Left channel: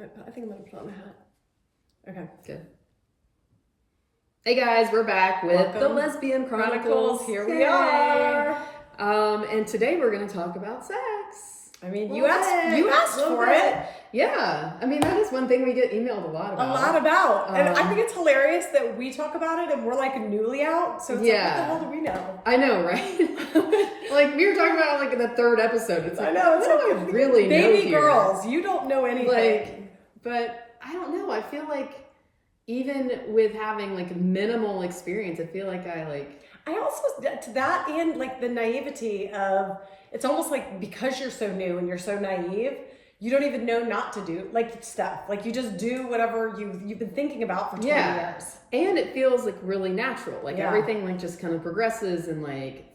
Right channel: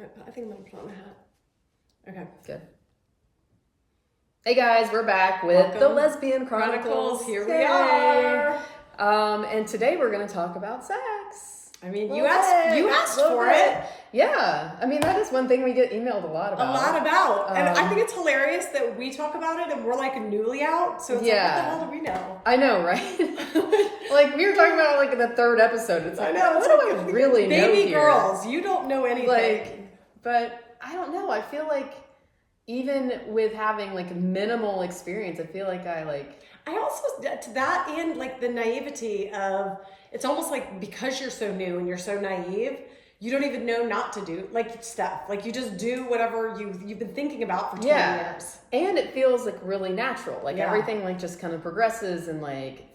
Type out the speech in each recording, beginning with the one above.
I think I'm gonna put on a hat. Okay, good. Hey guys, we're back with the Lesbian Chronicles. Here we are. And today we're going to talk about sex. I mean, you asked for it. Yeah, I mean that is one thing we get emailed a lot about. And I think it's hilarious that we talk about it and we're like newly out. So it's like, what the hell do we know? I know, right? Like we were talking about like in the third episode. It's like, I know, it's like really baby girls. You don't know anything. Like, but I don't know. I feel like even with having like minimal experience, I feel like I also, to that end, like the naivety of, it's almost like because you're so new and you're so naive, you don't even know not to do like stuff. Like you just do whatever you've been thinking about for 20 years. And it feels like really natural. Like everything like just kind of progresses, and like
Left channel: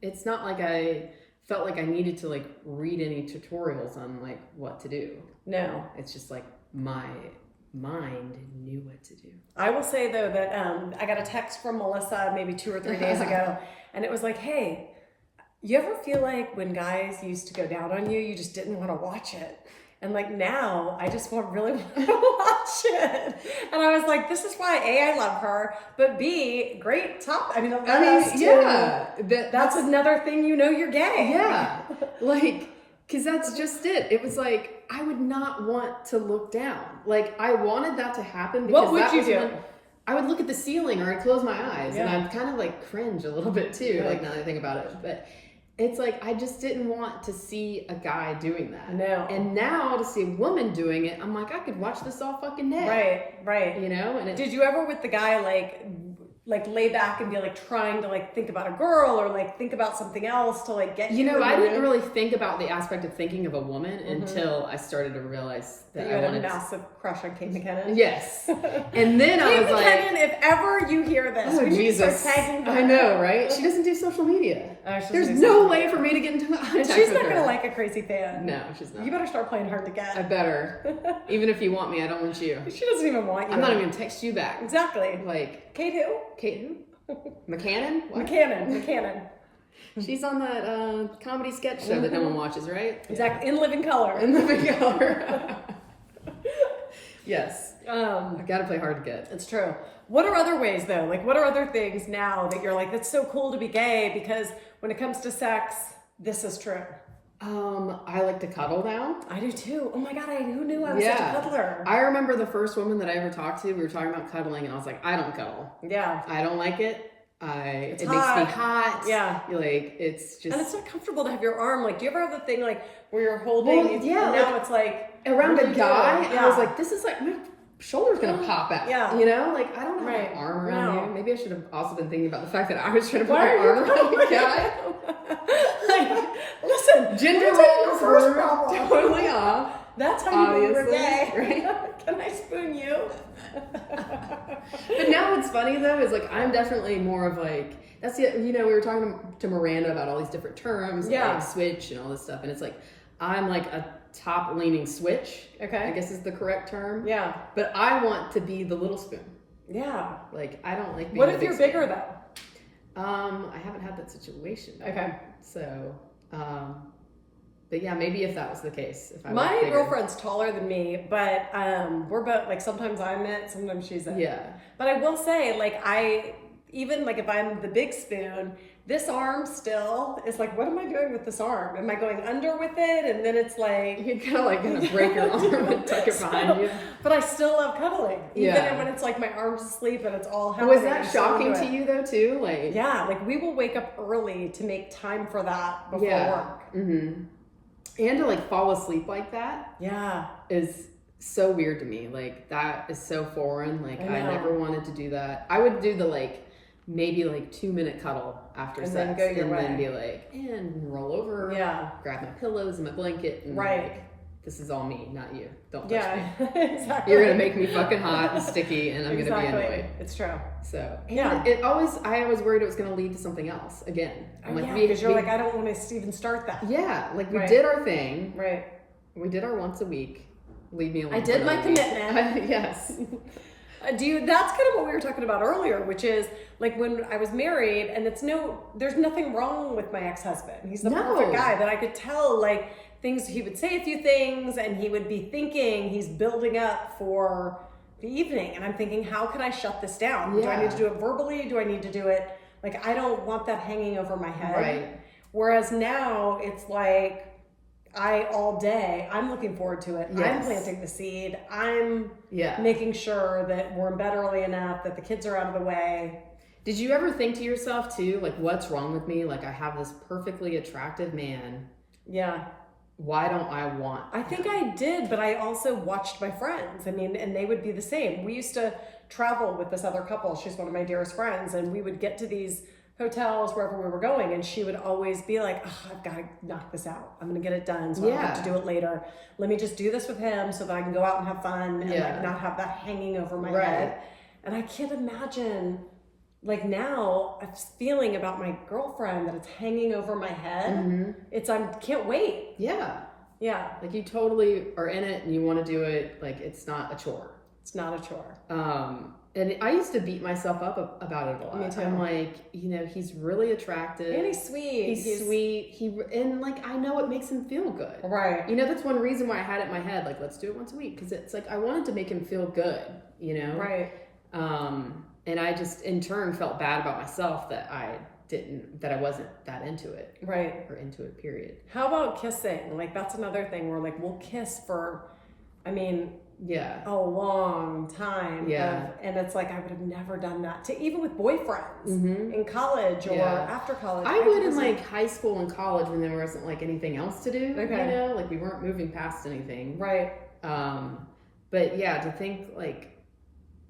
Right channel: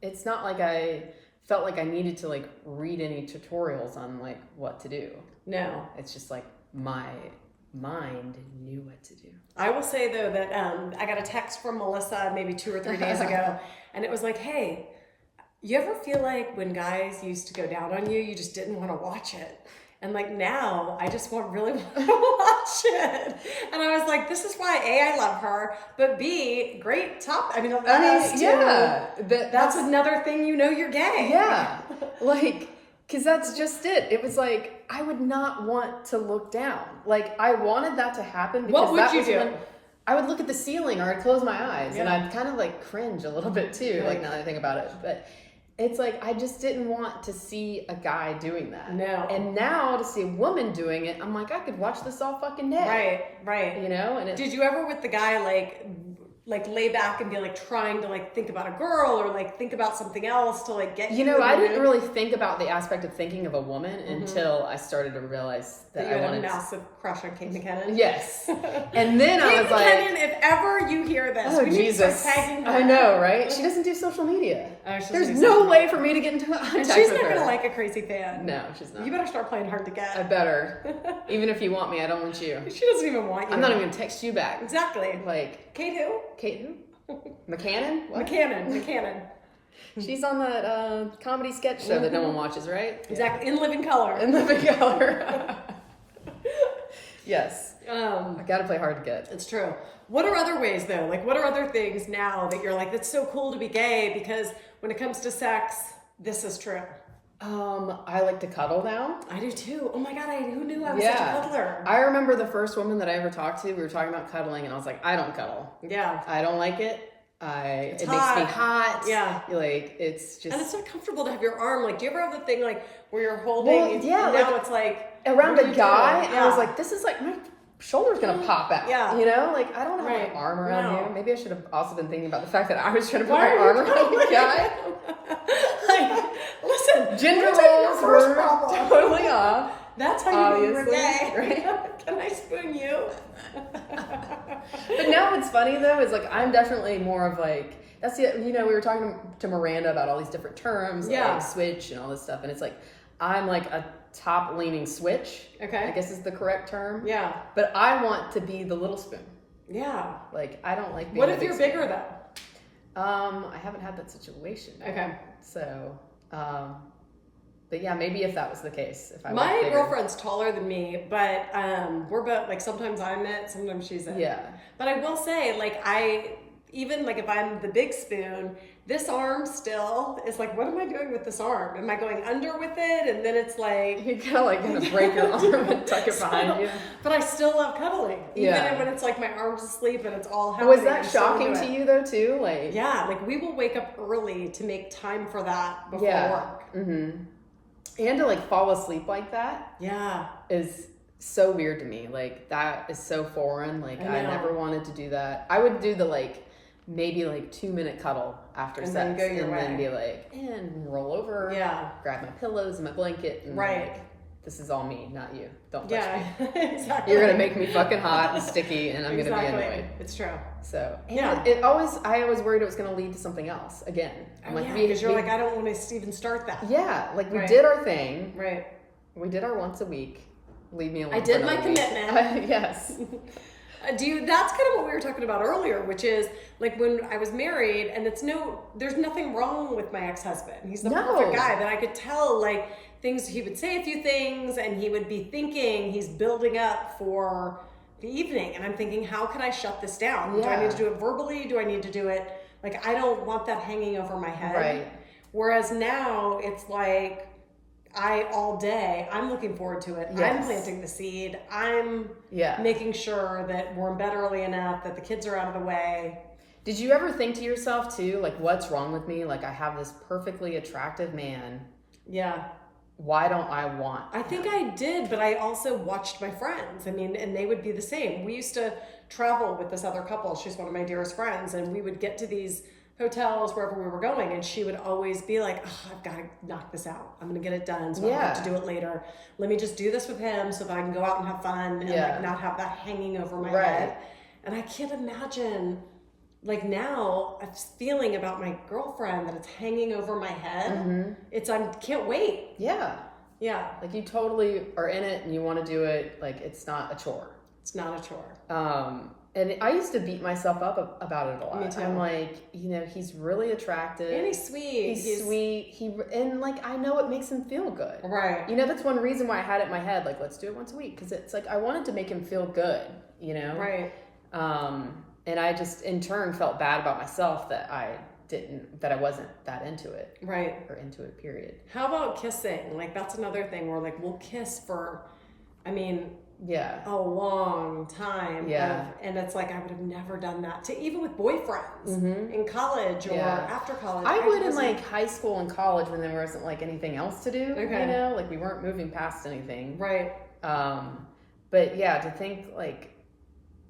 it's not like I felt like I needed to like read any tutorials on like what to do. No. It's just like my mind knew what to do. I will say though that I got a text from Melissa maybe 2 or 3 days ago, and it was like, hey, you ever feel like when guys used to go down on you, you just didn't want to watch it? And like now, I just really want to watch it. And I was like, this is why A, I love her, but B, great top. I mean, that's another thing, you know, you're gay. Yeah, like, because that's just it. It was like, I would not want to look down. Like, I wanted that to happen. What would you do? I would look at the ceiling, or I'd close my eyes, and I'd kind of like cringe a little bit too, like now that I think about it. But it's like, I just didn't want to see a guy doing that. No. And now to see a woman doing it, I'm like, I could watch this all fucking day. Right. You know? And did you ever with the guy like lay back and be like trying to like think about a girl or like think about something else to like get you? I didn't really think about the aspect of thinking of a woman until I started to realize that you had a massive crush on Kate McKinnon. Yes. And then I was like, Kate McKinnon, if ever you hear this, we need to start tagging her. I know, right? She doesn't do social media. There's no way for me to get into contact with her. And she's not gonna like a crazy fan. No, she's not. You better start playing hard to get. I better. Even if you want me, I don't want you. She doesn't even want you. I'm not even gonna text you back. Exactly. Like, Kate who? Kate who? McCannon? What? McCannon. She's on that comedy sketch show that no one watches, right? Exactly. In Living Color. In Living Color. Yes. I gotta play hard to get. It's true. What are other ways though? Like what are other things now that you're like, that's so cool to be gay? Because when it comes to sex, this is true. I like to cuddle now. I do too. Oh my God, who knew I was such a cuddler? I remember the first woman that I ever talked to, we were talking about cuddling, and I was like, I don't cuddle. Yeah. I don't like it. It makes me hot. Yeah. Like, it's just... And it's not comfortable to have your arm, like, do you ever have the thing, like, where you're holding, and now it's like... Around a guy, I was like, this is like, my shoulder's gonna pop out. Yeah. You know? Like, I don't have an arm around you. Maybe I should have also been thinking about the fact that I was trying to put my arm around the guy. Like, listen, gender roles first problem. Totally off. That's how you were gay. Right? Can I spoon you? But now what's funny though is like, I'm definitely more of like, that's the, you know, we were talking to Miranda about all these different terms, like switch and all this stuff. And it's like, I'm like a top leaning switch. Okay. I guess is the correct term. Yeah. But I want to be the little spoon. Yeah. Like, I don't like being What if you're bigger though? I haven't had that situation. Okay. So, but yeah, maybe if that was the case. If I My girlfriend's taller than me, but we're both, like, sometimes I'm it, sometimes she's it. Yeah. But I will say, like, even like if I'm the big spoon, this arm still is like, what am I doing with this arm? Am I going under with it? And then it's like... You kind of like gonna break your arm and tuck it behind you. But I still love cuddling. Even when it's like my arm's asleep and it's all happening. Was that shocking to you though too? Like, yeah, like we will wake up early to make time for that before work. Mm-hmm. And to like fall asleep like that is so weird to me. Like that is so foreign. Like I never wanted to do that. I would do the like maybe like 2-minute cuddle after sex then go your way. Then be like, and roll over, grab my pillows and my blanket, and like, this is all me, not you. Don't touch me. Exactly. You're gonna make me fucking hot and sticky, and I'm gonna be annoyed. It's true. So I always worried it was gonna lead to something else again. I'm like, because you're like, I don't want to even start that. Yeah, like we did our thing. Right. We did our once a week. Leave me alone. I did my commitment. Yes. That's kind of what we were talking about earlier, which is like when I was married, and there's nothing wrong with my ex-husband. He's the perfect guy, but I could tell like things, he would say a few things and he would be thinking he's building up for the evening. And I'm thinking, how can I shut this down? Yeah. Do I need to do it verbally? Do I need to do it? Like, I don't want that hanging over my head. Right. Whereas now it's like, all day, I'm looking forward to it. Yes. I'm planting the seed. I'm making sure that we're in bed early enough, that the kids are out of the way. Did you ever think to yourself too, like, what's wrong with me? Like, I have this perfectly attractive man. Yeah. Why don't I want I think I did, but I also watched my friends. I mean, and they would be the same. We used to travel with this other couple. She's one of my dearest friends. And we would get to these hotels wherever we were going, and she would always be like, oh, I've got to knock this out. I'm going to get it done so I don't have to do it later. Let me just do this with him so that I can go out and have fun and like not have that hanging over my head. And I can't imagine, like, now I'm feeling about my girlfriend that it's hanging over my head. I can't wait. Yeah. Like, you totally are in it and you want to do it. Like, it's not a chore. It's not a chore. And I used to beat myself up about it a lot. Me too. I'm like, he's really attractive. And he's sweet. He's sweet. And like, I know it makes him feel good. Right. That's one reason why I had it in my head, like, let's do it once a week. Because it's like, I wanted to make him feel good, Right. And I just, in turn, felt bad about myself that I wasn't that into it. Right. Or into it, period. How about kissing? Like, that's another thing where, like, we'll kiss for, a long time. And it's like, I would have never done that even with boyfriends in college or after college. I would in like high school and college when there wasn't like anything else to do. Okay. Like, we weren't moving past anything. Right. But yeah, to think like,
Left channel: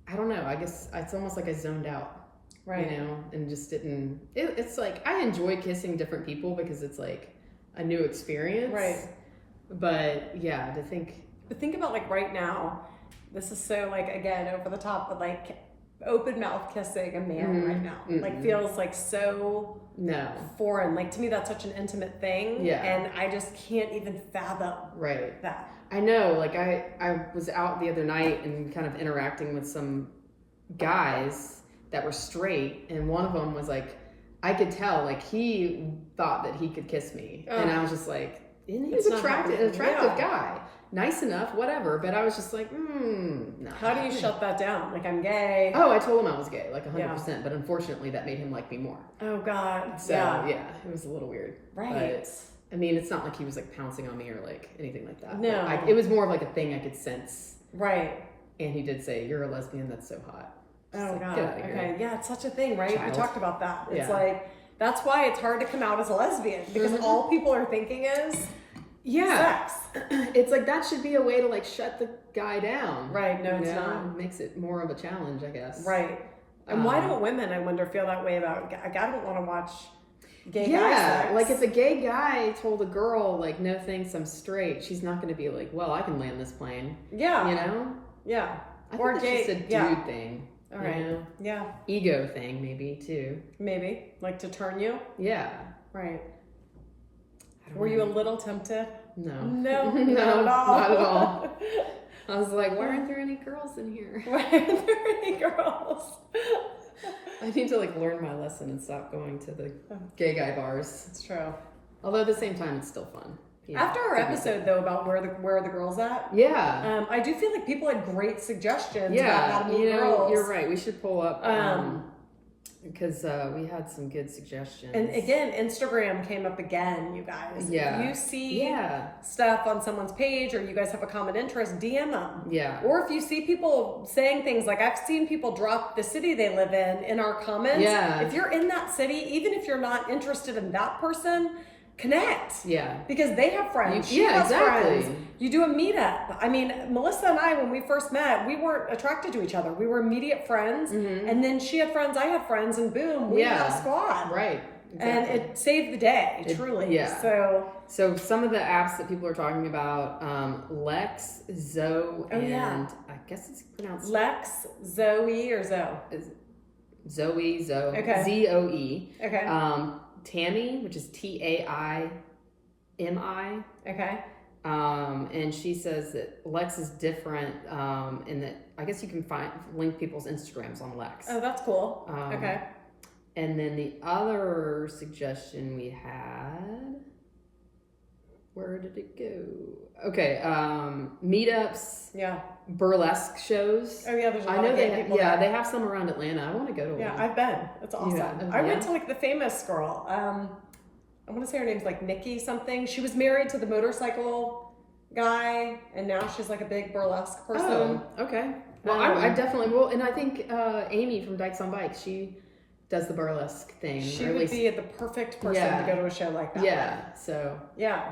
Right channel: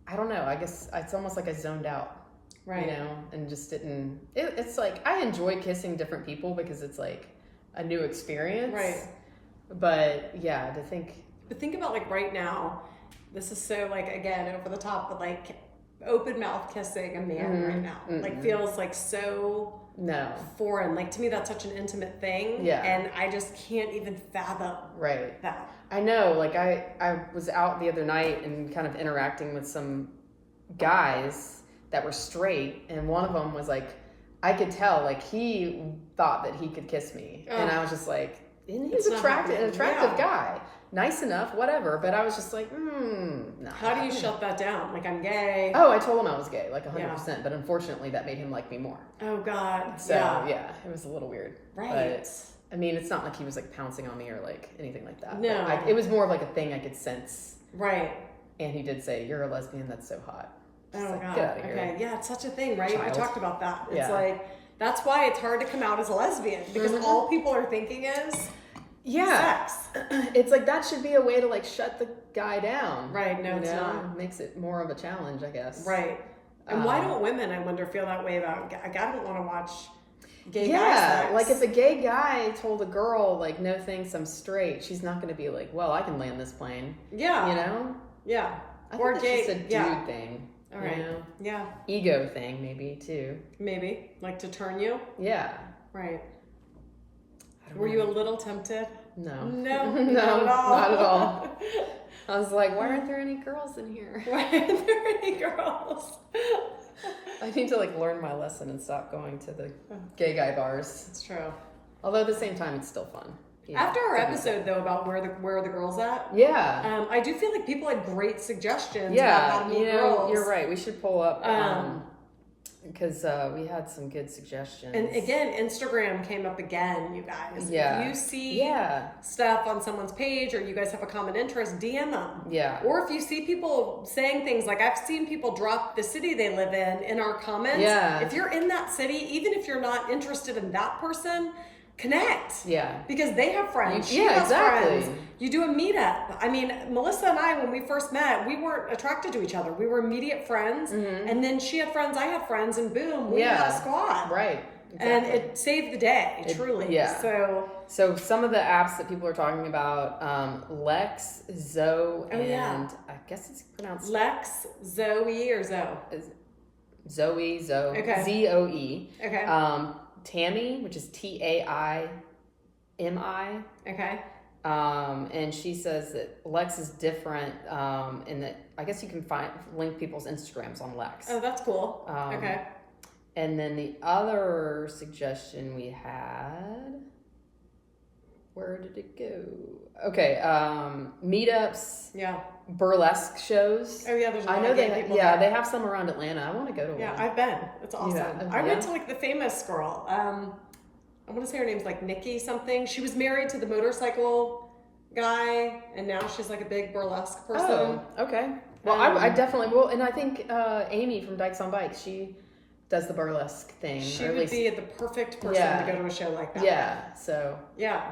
I don't know, I guess it's almost like I zoned out. Right. And just didn't, it's like, I enjoy kissing different people because it's like a new experience. Right. But yeah, to think. But think about, like, right now, this is so, like, again, over the top, but like open mouth kissing a man right now, like, feels like so foreign. Like, to me, that's such an intimate thing. Yeah. And I just can't even fathom that. I know, like, I was out the other night and kind of interacting with some guys that were straight, and one of them was like, I could tell, like, he thought that he could kiss me. And I was just like, he's an attractive guy. Nice enough, whatever. But I was just like, no. How do you shut that down? Like, I'm gay. Oh, I told him I was gay, like 100%. But unfortunately, that made him like me more. Oh, God. So, yeah, it was a little weird. Right. But, I mean, it's not like he was like pouncing on me or like anything like that. No. It was more of like a thing I could sense. Right. And he did say, you're a lesbian, that's so hot. Oh, like, God. Okay. Yeah, it's such a thing, right? Child. We talked about that. It's Yeah. like, that's why it's hard to come out as a lesbian, because all people are thinking is sex. It's like, that should be a way to like shut the guy down. Right. No, it's not. It makes it more of a challenge, I guess. Right. And why don't women, I wonder, feel that way about, I don't want to watch gay guy sex. Like, if a gay guy told a girl, like, no thanks, I'm straight, she's not going to be like, well, I can land this plane. Yeah. Yeah. I Or think gay. it's just a dude thing. All right. Yeah. Ego thing, maybe, too. Maybe. Like, to turn you? Yeah. Right. Were you a little tempted? No. No, No, not at all. Not at all. I was like, why aren't there any girls in here? Why aren't there any girls? I need to like learn my lesson and stop going to the gay guy bars. It's true. Although at the same time, it's still fun. After our episode, though, about where are the girls at? Yeah. I do feel like people had great suggestions about how to meet girls. You're right. We should pull up because we had some good suggestions. And again, Instagram came up again, you guys. Yeah. If you see stuff on someone's page or you guys have a common interest, DM them. Yeah. Or if you see people saying things, like I've seen people drop the city they live in our comments. Yeah. If you're in that city, even if you're not interested in that person, connect. Yeah. Because they have friends. She has friends. You do a meetup. I mean, Melissa and I, when we first met, we weren't attracted to each other. We were immediate friends. And then she had friends, I had friends, and boom, we had a squad. Right. Exactly. And it saved the day, truly. Yeah. So some of the apps that people are talking about, Lex, Zoe, and I guess it's pronounced Lex, Zoe, or Zoe? Zoe. Okay. Zoe. Okay. Tammy, which is Taimi. Okay. And she says that Lex is different, in that I guess you can link people's Instagrams on Lex. Oh, that's cool. Okay. And then the other suggestion we had Where did it go? Okay, meetups. Yeah. Burlesque shows. Oh yeah, there's a lot of gay people there. They have some around Atlanta. I want to go to one. Yeah, I've been. It's awesome. I went to like the famous girl. I want to say her name's like Nikki something. She was married to the motorcycle guy, and now she's like a big burlesque person. Oh, okay. Well, I definitely will, and I think Amy from Dykes on Bikes, she does the burlesque thing. She would be the perfect person to go to a show like that. Yeah. So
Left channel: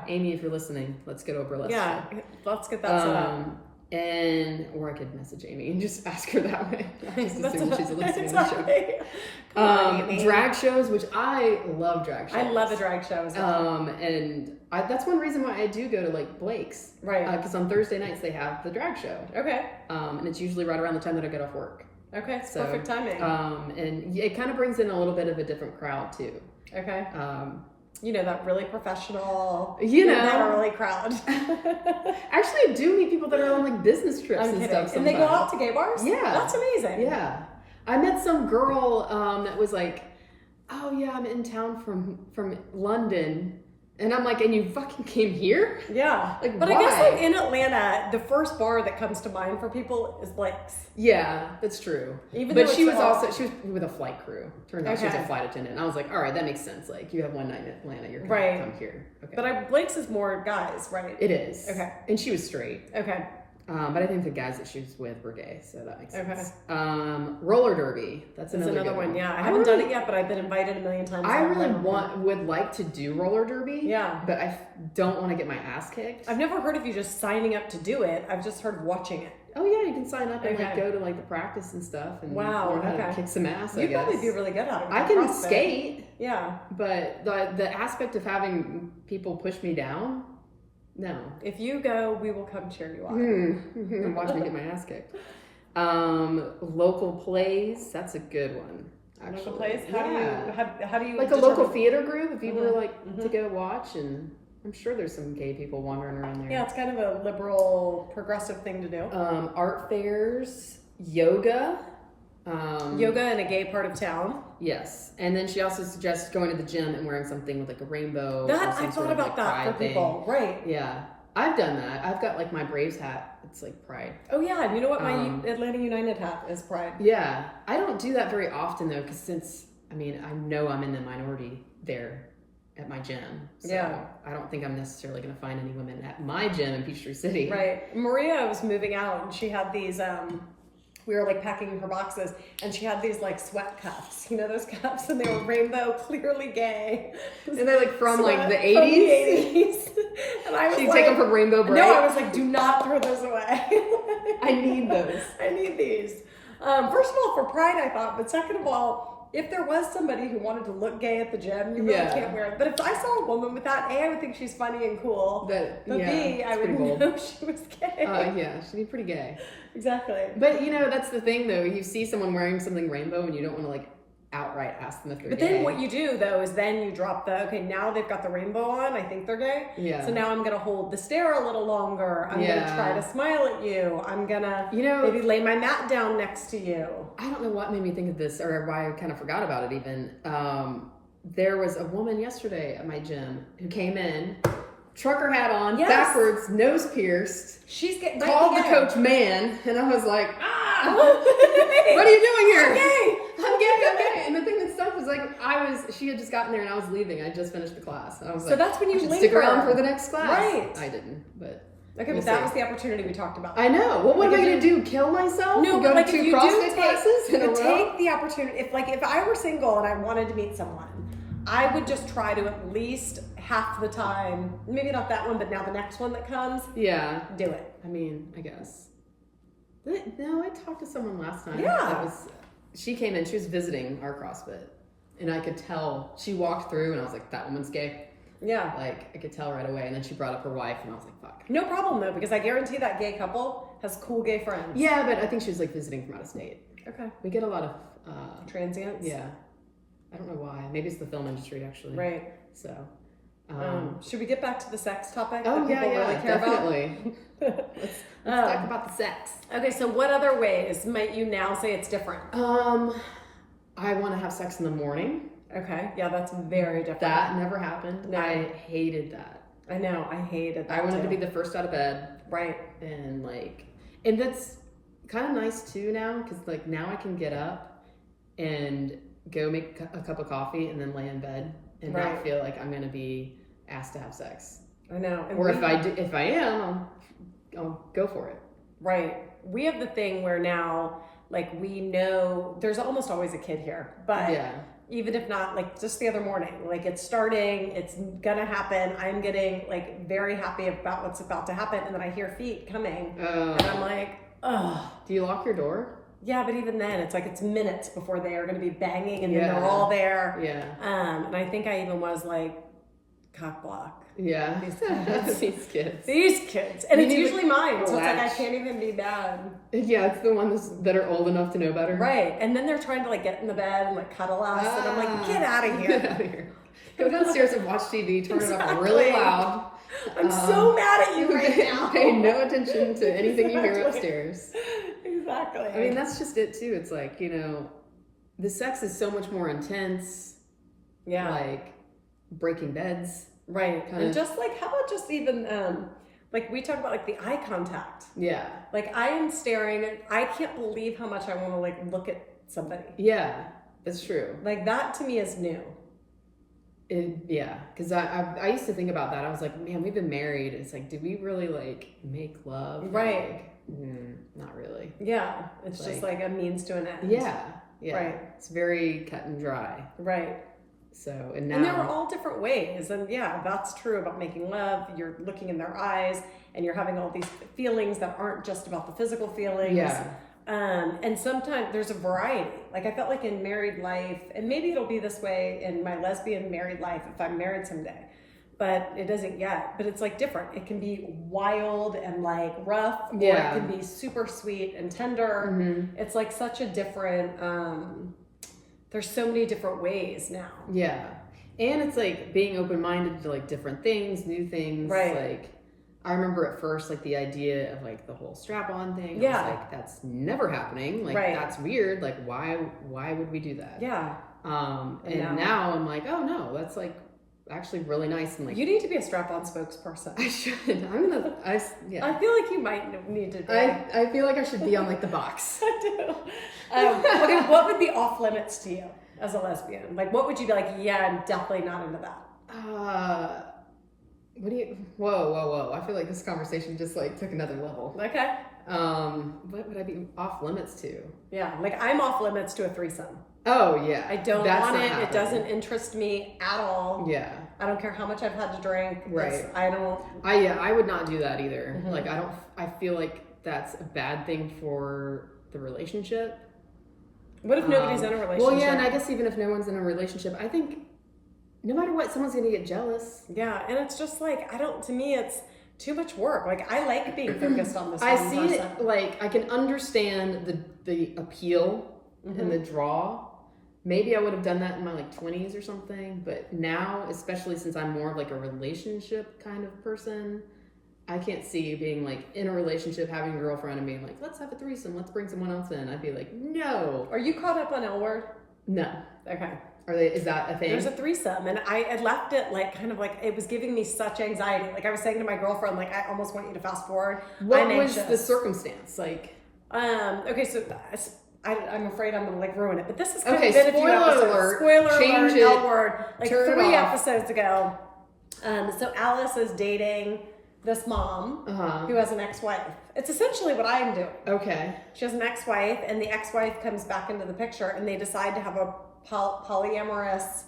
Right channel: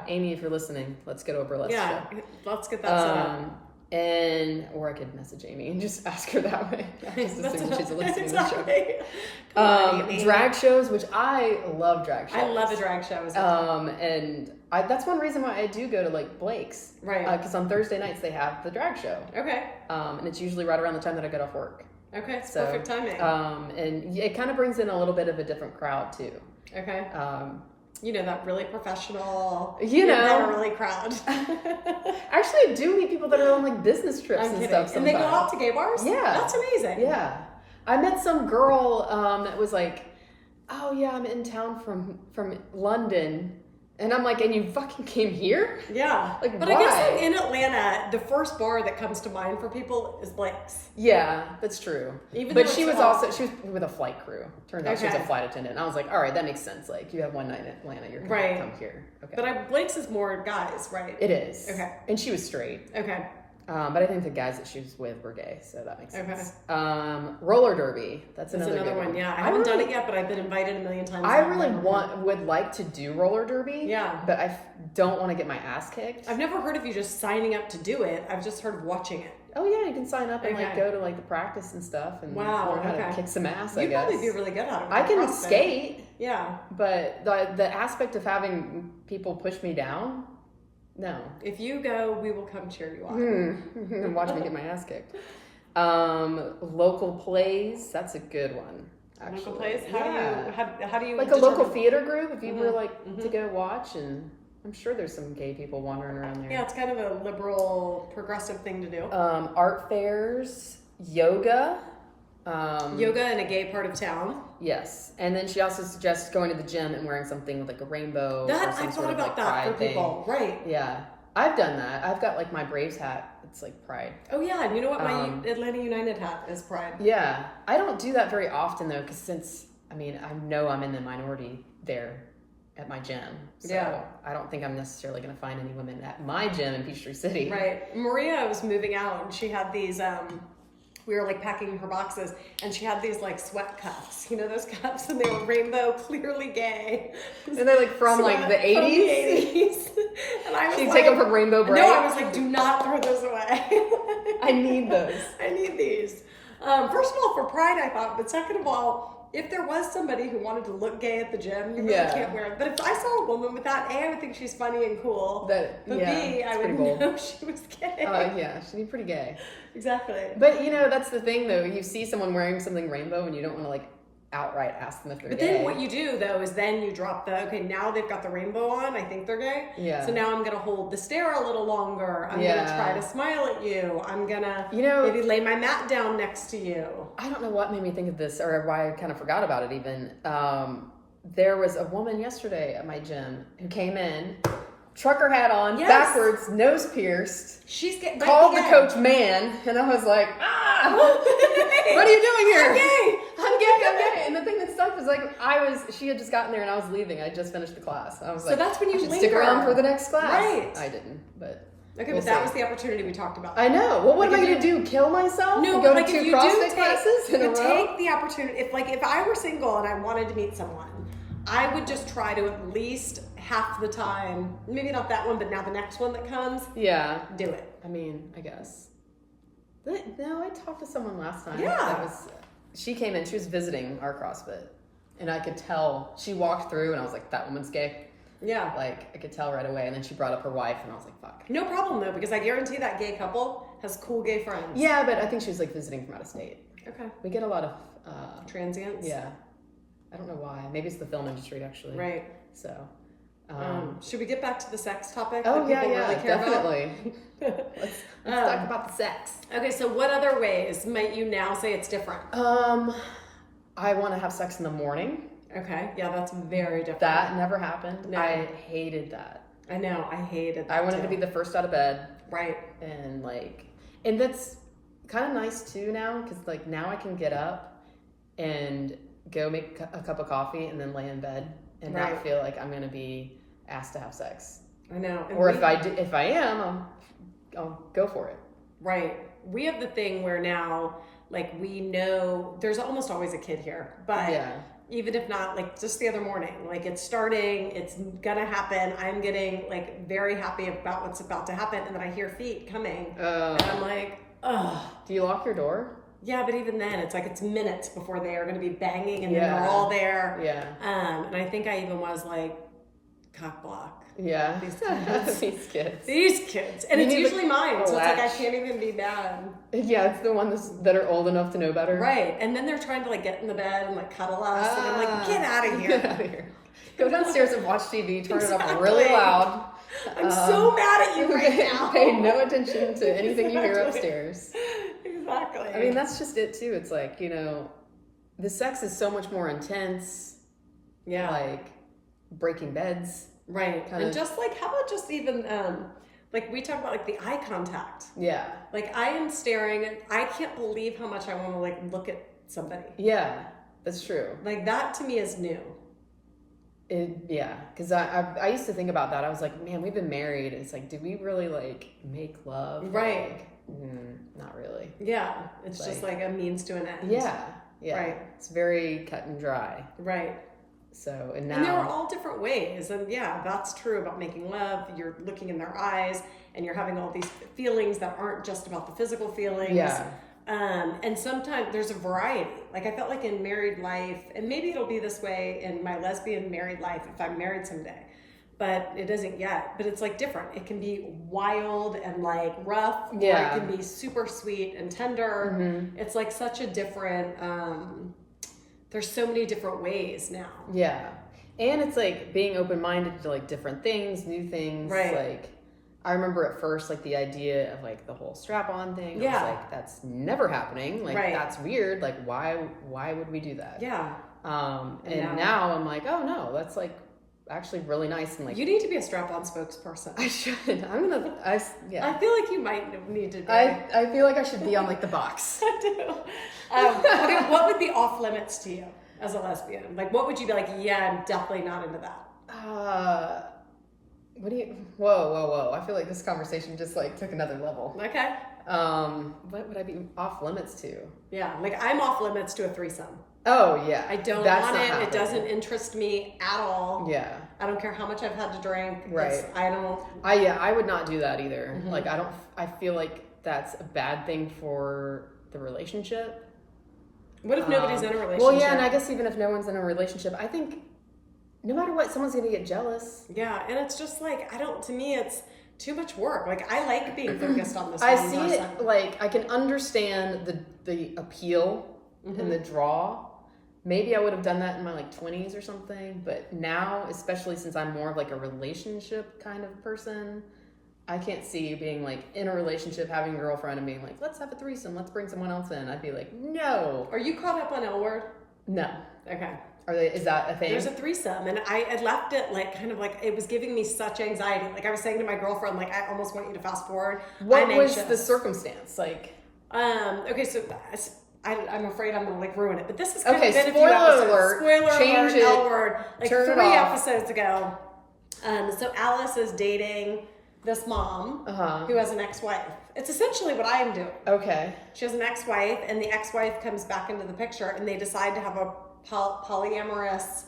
Amy, if you're listening, let's go to a burlesque show. Yeah, let's get that set up. Or I could message Amy and just ask her that way. She's a listening exactly. show. Come on, Amy. Drag shows, which I love drag shows. I love a drag show as well. And that's one reason why I do go to like Blake's. Right. Because on Thursday nights they have the drag show. Okay. And it's usually right around the time that I get off work. Okay, so, perfect timing. And it kind of brings in a little bit of a different crowd too. Okay. You know, that really professional, that early crowd. Actually, I do meet people that are on like business trips and stuff sometimes. And they go out to gay bars? Yeah. That's amazing. Yeah. I met some girl that was like, oh yeah, I'm in town from London. And I'm like, and you fucking came here? Yeah. Like, but why? I guess like in Atlanta, the first bar that comes to mind for people is Blake's. Yeah, that's true. But she was with a flight crew. Turned out she was a flight attendant. And I was like, all right, that makes sense. Like, you have one night in Atlanta, you're going to come here. Okay. But Blake's is more guys, right? It is. Okay. And she was straight. Okay. But I think the guys that she was with were gay, so that makes sense. Roller derby. That's another one. Yeah, I haven't done it yet, but I've been invited a million times. I really would like to do roller derby. Yeah, but I don't want to get my ass kicked. I've never heard of you just signing up to do it. I've just heard of watching it. Oh yeah, you can sign up and like go to like the practice and stuff and learn how to kick some ass. You'd probably be really good at it. I can skate. Yeah, but the aspect of having people push me down. No. If you go, we will come cheer you on. And watch me get my ass kicked. Local plays, that's a good one. Actually. Local plays? How do you like a local theater group if you were like to go watch, and I'm sure there's some gay people wandering around there. Yeah, it's kind of a liberal, progressive thing to do. Art fairs, yoga. Yoga in a gay part of town. Yes, and then she also suggests going to the gym and wearing something with like a rainbow. I've thought about that for people, right? Yeah, I've done that. I've got like my Braves hat. It's like Pride. Oh yeah, and you know what? My Atlanta United hat is Pride. Yeah, I don't do that very often though, because I know I'm in the minority there at my gym. So I don't think I'm necessarily going to find any women at my gym in Peachtree City. Right. Maria was moving out, and she had these. We were like packing her boxes, and she had these like sweat cuffs, you know those cuffs, and they were rainbow, clearly gay. And they're like from like the 80s. And I was She'd take off a rainbow braid. No, I was like, do not throw those away. I need those. I need these. First of all, for Pride, I thought, but second of all, if there was somebody who wanted to look gay at the gym, you really can't wear it. But if I saw a woman with that, A, I would think she's funny and cool. But B, I would know she was gay. Yeah, she'd be pretty gay. Exactly. But you know, that's the thing though. You see someone wearing something rainbow and you don't want to like outright ask them if they're gay. But then what you do though is then you drop now they've got the rainbow on, I think they're gay. Yeah. So now I'm gonna hold the stare a little longer. I'm gonna try to smile at you. I'm gonna maybe lay my mat down next to you. I don't know what made me think of this or why I kind of forgot about it even. There was a woman yesterday at my gym who came in, trucker hat on, backwards, nose pierced. Called the coach man, and I was like, what are you doing here? I'm gay. And the thing that sucked was like she had just gotten there and I was leaving. I just finished the class. I was so that's when you linger. Stick around for the next class. Right. I didn't, but. Okay, but that was the opportunity we talked about. I know. Well, what am I going to do? Kill myself? No, but like if you do take the opportunity, if I were single and I wanted to meet someone, I would just try to at least half the time, maybe not that one, but now the next one that comes, do it. I mean, I guess. No, I talked to someone last time. Yeah. She came in, she was visiting our CrossFit, and I could tell, she walked through and I was like, that woman's gay. Yeah. Like, I could tell right away, and then she brought up her wife and I was like, fuck. No problem though, because I guarantee that gay couple has cool gay friends. Yeah, but I think she was like visiting from out of state. Okay. We get a lot of... transients? Yeah. I don't know why. Maybe it's the film industry, actually. Right. So... should we get back to the sex topic that people really care definitely. about? Let's talk about the sex. Okay, so what other ways might you now say it's different? I want to have sex in the morning. Okay, yeah, that's very different. That never happened. No. I hated that. I know. I hated that. I wanted to be the first out of bed. Right. And and that's kind of nice too now, because like now I can get up and go make a cup of coffee and then lay in bed and not feel like I'm going to be asked to have sex. I know. And or if I am, I'll go for it. Right. We have the thing where now, like, we know there's almost always a kid here, but even if not, like, just the other morning, like, it's starting, it's gonna happen. I'm getting like very happy about what's about to happen, and then I hear feet coming, and I'm like, oh. Do you lock your door? Yeah, but even then, it's like it's minutes before they are going to be banging, and then they're all there. Yeah. And I think I even was like, cock block. Yeah. These kids. These kids. And it's usually mine, so it's like I can't even be bad. Yeah, it's the ones that are old enough to know better. Right. And then they're trying to like get in the bed and like cuddle us, and I'm like, get out of here. Get out of here. Go downstairs and watch TV, turn it up really loud. I'm so mad at you right now. Pay no attention to anything you hear upstairs. Exactly. I mean, that's just it too. It's like, the sex is so much more intense. Yeah. Like breaking beds. Right. And just like, how about just even, like we talk about like the eye contact. Yeah. Like I am staring, I can't believe how much I want to like look at somebody. Yeah, that's true. Like that to me is new. Because I used to think about that. I was like, man, we've been married. It's like, did we really like make love? Right. Like, not really. Yeah. It's just like a means to an end. Yeah. Yeah. Right. It's very cut and dry. Right. So, and now. And there are all different ways. And yeah, that's true about making love. You're looking in their eyes and you're having all these feelings that aren't just about the physical feelings. Yeah. And sometimes there's a variety. Like I felt like in married life, and maybe it'll be this way in my lesbian married life if I'm married someday, but it isn't yet. But it's like different. It can be wild and like rough, or it can be super sweet and tender. Mm-hmm. It's like such a different, there's so many different ways now. Yeah. And it's like being open-minded to like different things, new things. Right. Like I remember at first, like the idea of like the whole strap-on thing. Yeah. I was like, that's never happening. Like that's weird. Like why would we do that? Yeah. And now I'm like, oh no, that's like actually really nice. And like, you need to be a strap-on spokesperson. I should. I feel like you might need to be. I feel like I should be on like the box. I do. Okay, what would be off limits to you as a lesbian? Like, what would you be like, yeah, I'm definitely not into that? Whoa. I feel like this conversation just like took another level. Okay. What would I be off limits to? Yeah, like I'm off limits to a threesome. Oh yeah. I don't want it. Happening. It doesn't interest me at all. Yeah. I don't care how much I've had to drink. Right. I would not do that either. Mm-hmm. Like I feel like that's a bad thing for the relationship. What if nobody's in a relationship? Well, yeah, and I guess even if no one's in a relationship, I think no matter what, someone's going to get jealous. Yeah, and it's just like, to me, it's too much work. Like, I like being focused on this I one see person. It, like, I can understand the appeal and the draw. Maybe I would have done that in my, like, 20s or something. But now, especially since I'm more of, like, a relationship kind of person, I can't see being, like, in a relationship, having a girlfriend and being like, let's have a threesome, let's bring someone else in. I'd be like, no. Are you caught up on L Word? No. Okay. Is that a thing? There's a threesome, and I had left it like kind of like it was giving me such anxiety. Like I was saying to my girlfriend, like I almost want you to fast forward. What was the circumstance? Like, okay, so I'm afraid I'm gonna like ruin it, but this is okay. Been a few episodes. Alert, spoiler alert! L Word. Like turn 3 episodes ago. So Alice is dating this mom who has an ex-wife. It's essentially what I am doing. Okay. She has an ex-wife, and the ex-wife comes back into the picture, and they decide to have a polyamorous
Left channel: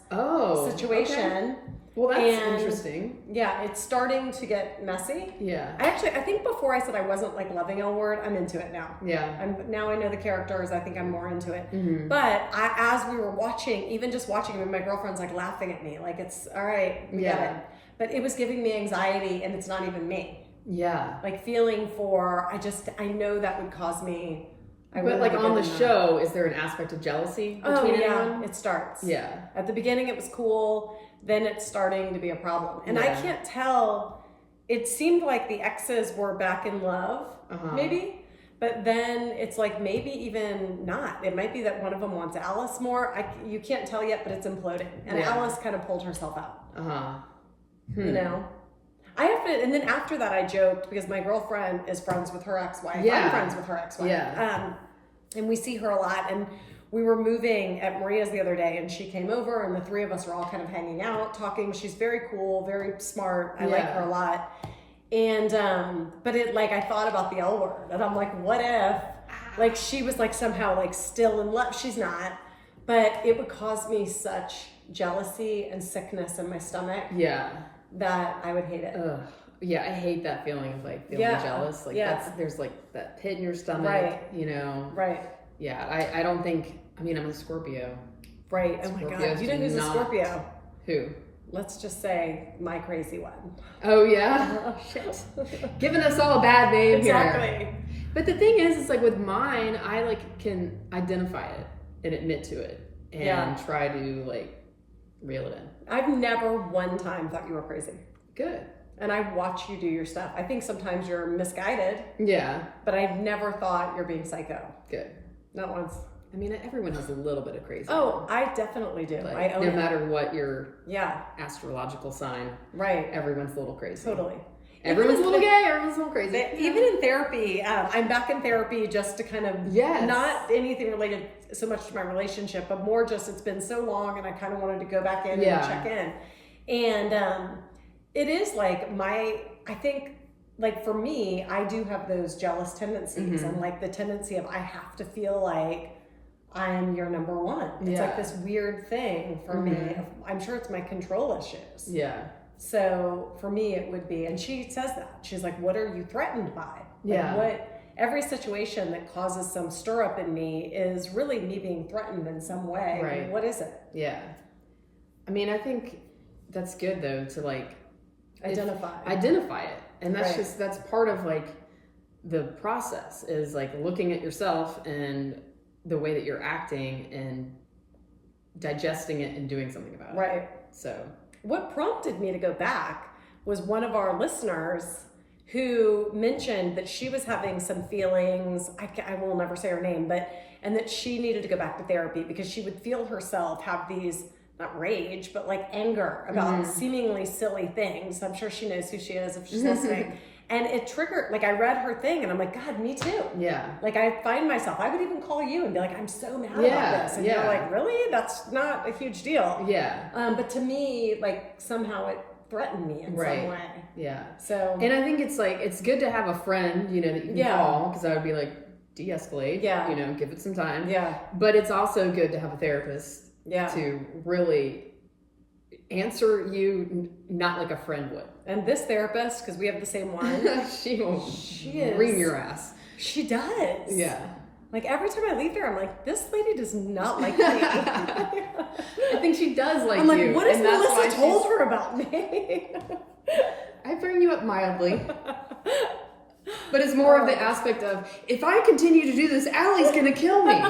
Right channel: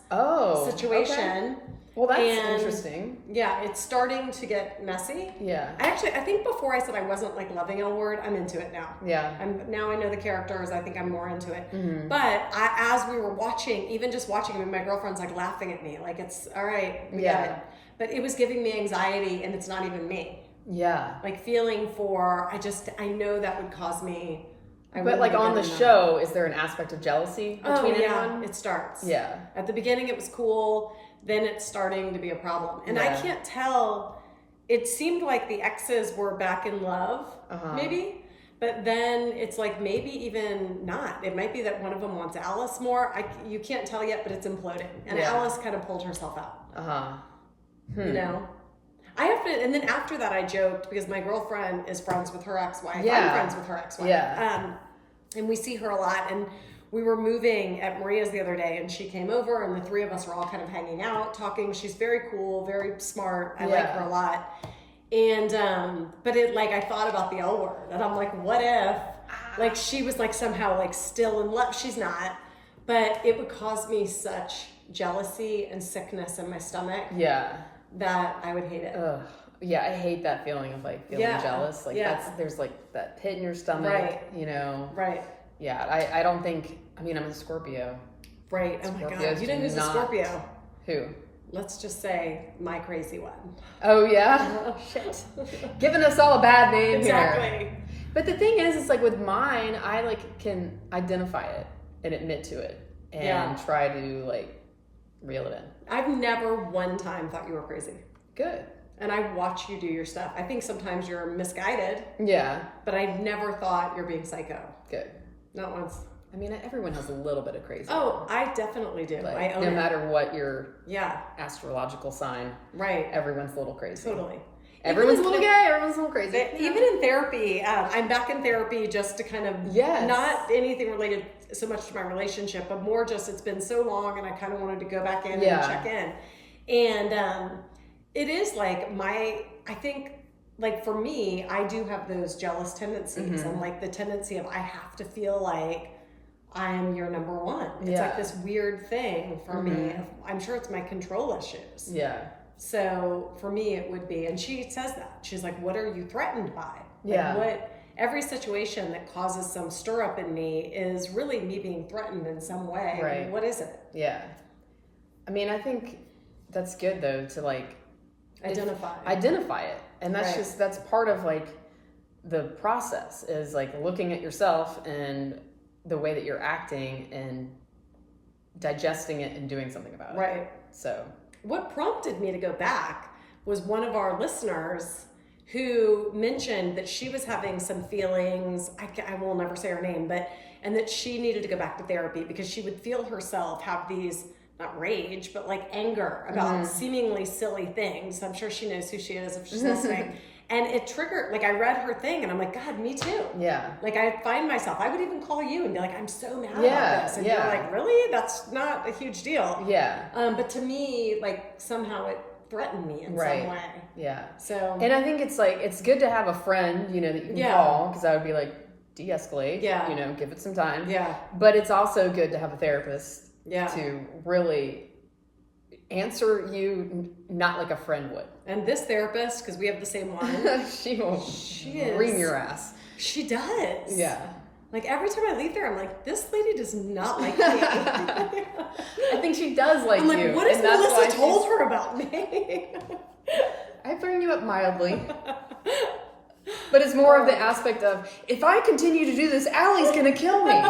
situation. Okay. Well, that's interesting. Yeah, it's starting to get messy. Yeah. I think before I said I wasn't like loving L Word, I'm into it now. Yeah. Now I know the characters. I think I'm more into it. Mm-hmm. But as we were watching, even just watching it, my girlfriend's like laughing at me, like it's all right, we get it. But it was giving me anxiety, and it's not even me. Yeah. Like feeling for, I know that would cause me. But like on the show, is there an aspect of jealousy between anyone? It starts. Yeah. At the beginning it was cool, then it's starting to be a problem. And I can't tell, it seemed like the exes were back in love, maybe. But then it's like maybe even not. It might be that one of them wants Alice more. You can't tell yet, but it's imploding. And Alice kind of pulled herself out. You know? I have to, and then after that I joked because my girlfriend is friends with her ex-wife. Yeah. I'm friends with her ex-wife. Yeah. And we see her a lot, and we were moving at Maria's the other day, and she came over, and the three of us were all kind of hanging out, talking. She's very cool, very smart. I like her a lot. And, but it, like, I thought about the L word, and I'm like, what if, like, she was, like, somehow, like, still in love? She's not, but it would cause me such jealousy and sickness in my stomach. Yeah. That I would hate it. Ugh. Yeah, I hate that feeling of, like, feeling jealous. Like, there's, like, that pit in your stomach, right. you know? Right. Yeah, I don't think, I mean, I'm a Scorpio. Right. Oh my God. You know who's a Scorpio? Who? Let's just say my crazy one. Oh, yeah? Shit. Giving us all a bad name exactly. here. But the thing is, it's like with mine, I like can identify it and admit to it and try to like reel it in. I've never one time thought you were crazy. Good. And I watch you do your stuff. I think sometimes you're misguided. Yeah. But I've never thought you're being psycho. Good. Not once. I mean, everyone has a little bit of crazy. Oh, I definitely do. Like, I own it. No matter what your astrological sign. Right. Everyone's a little crazy. Totally. Everyone's a little gay, everyone's a little crazy. Even in therapy, I'm back in therapy just to kind of, not anything related so much to my relationship, but more just it's been so long and I kind of wanted to go back in and check in. And it is like I think, like for me, I do have those jealous tendencies and like the tendency of I have to feel like I'm your number one. It's like this weird thing for me. I'm sure it's my control issues. Yeah. So for me, it would be, and she says that. She's like, what are you threatened by? Like every situation that causes some stir up in me is really me being threatened in some way. Right. What is it? Yeah. I mean, I think that's good though, to like identify it. And that's that's part of like the process is like looking at yourself and the way that you're acting and digesting it and doing something about it. Right. So what prompted me to go back was one of our listeners who mentioned that she was having some feelings, I will never say her name, and that she needed to go back to therapy because she would feel herself have these, not rage, but like anger about seemingly silly things. I'm sure she knows who she is if she's listening. And it triggered, like I read her thing and I'm like, God, me too. Yeah. Like I find myself, I would even call you and be like, I'm so mad about this. And you're like, really? That's not a huge deal. Yeah. But to me, like somehow it threatened me in some way. Yeah. So. And I think it's like, it's good to have a friend, you know, that you can call, because I would be like, de-escalate, you know, give it some time. Yeah. But it's also good to have a therapist to really answer you not like a friend would. And this therapist, because we have the same one, she is ream your ass. She does. Yeah. Like every time I leave there, I'm like, this lady does not like me. I think she does like you. I'm like, what has Melissa told her about me? I bring you up mildly. But it's more of the aspect of, if I continue to do this, Allie's going to kill me.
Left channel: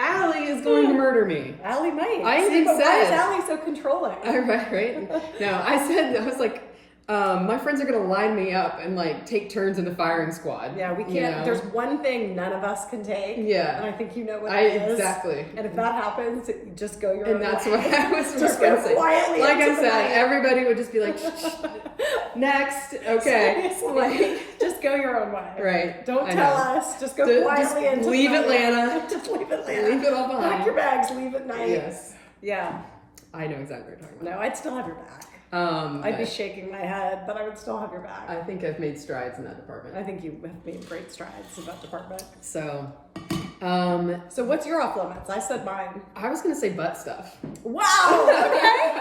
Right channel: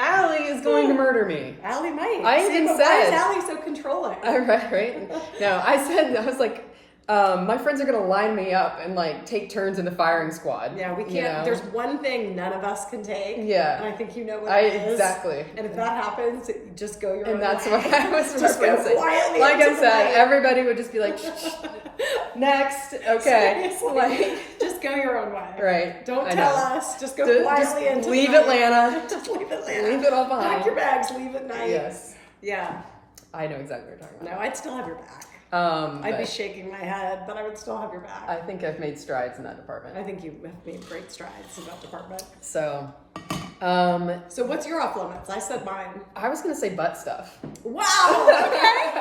Allie is going to murder me. Allie might. Why is Allie so controlling? Right. No, I was like, my friends are going to line me up and like take turns in the firing squad. Yeah, we can't. You know? There's one thing none of us can take. Yeah. And I think you know what it is. Exactly. And if that happens, just go your own way. And that's what I was just go quietly. Like I said, everybody would just be like, next. Okay. Like, just go your own way. Right. Don't tell us. Just go quietly into leave Atlanta. Just leave Atlanta. Leave it all behind. Pack your bags. Leave at night. Yes. Yeah. I know exactly what you're talking about. No, I'd still have your back. I'd be shaking my head, but I would still have your back. I think I've made strides in that department. I think you have made great strides in that department. So, so what's your off limits? I said mine. I was going to say butt stuff. Wow. Okay.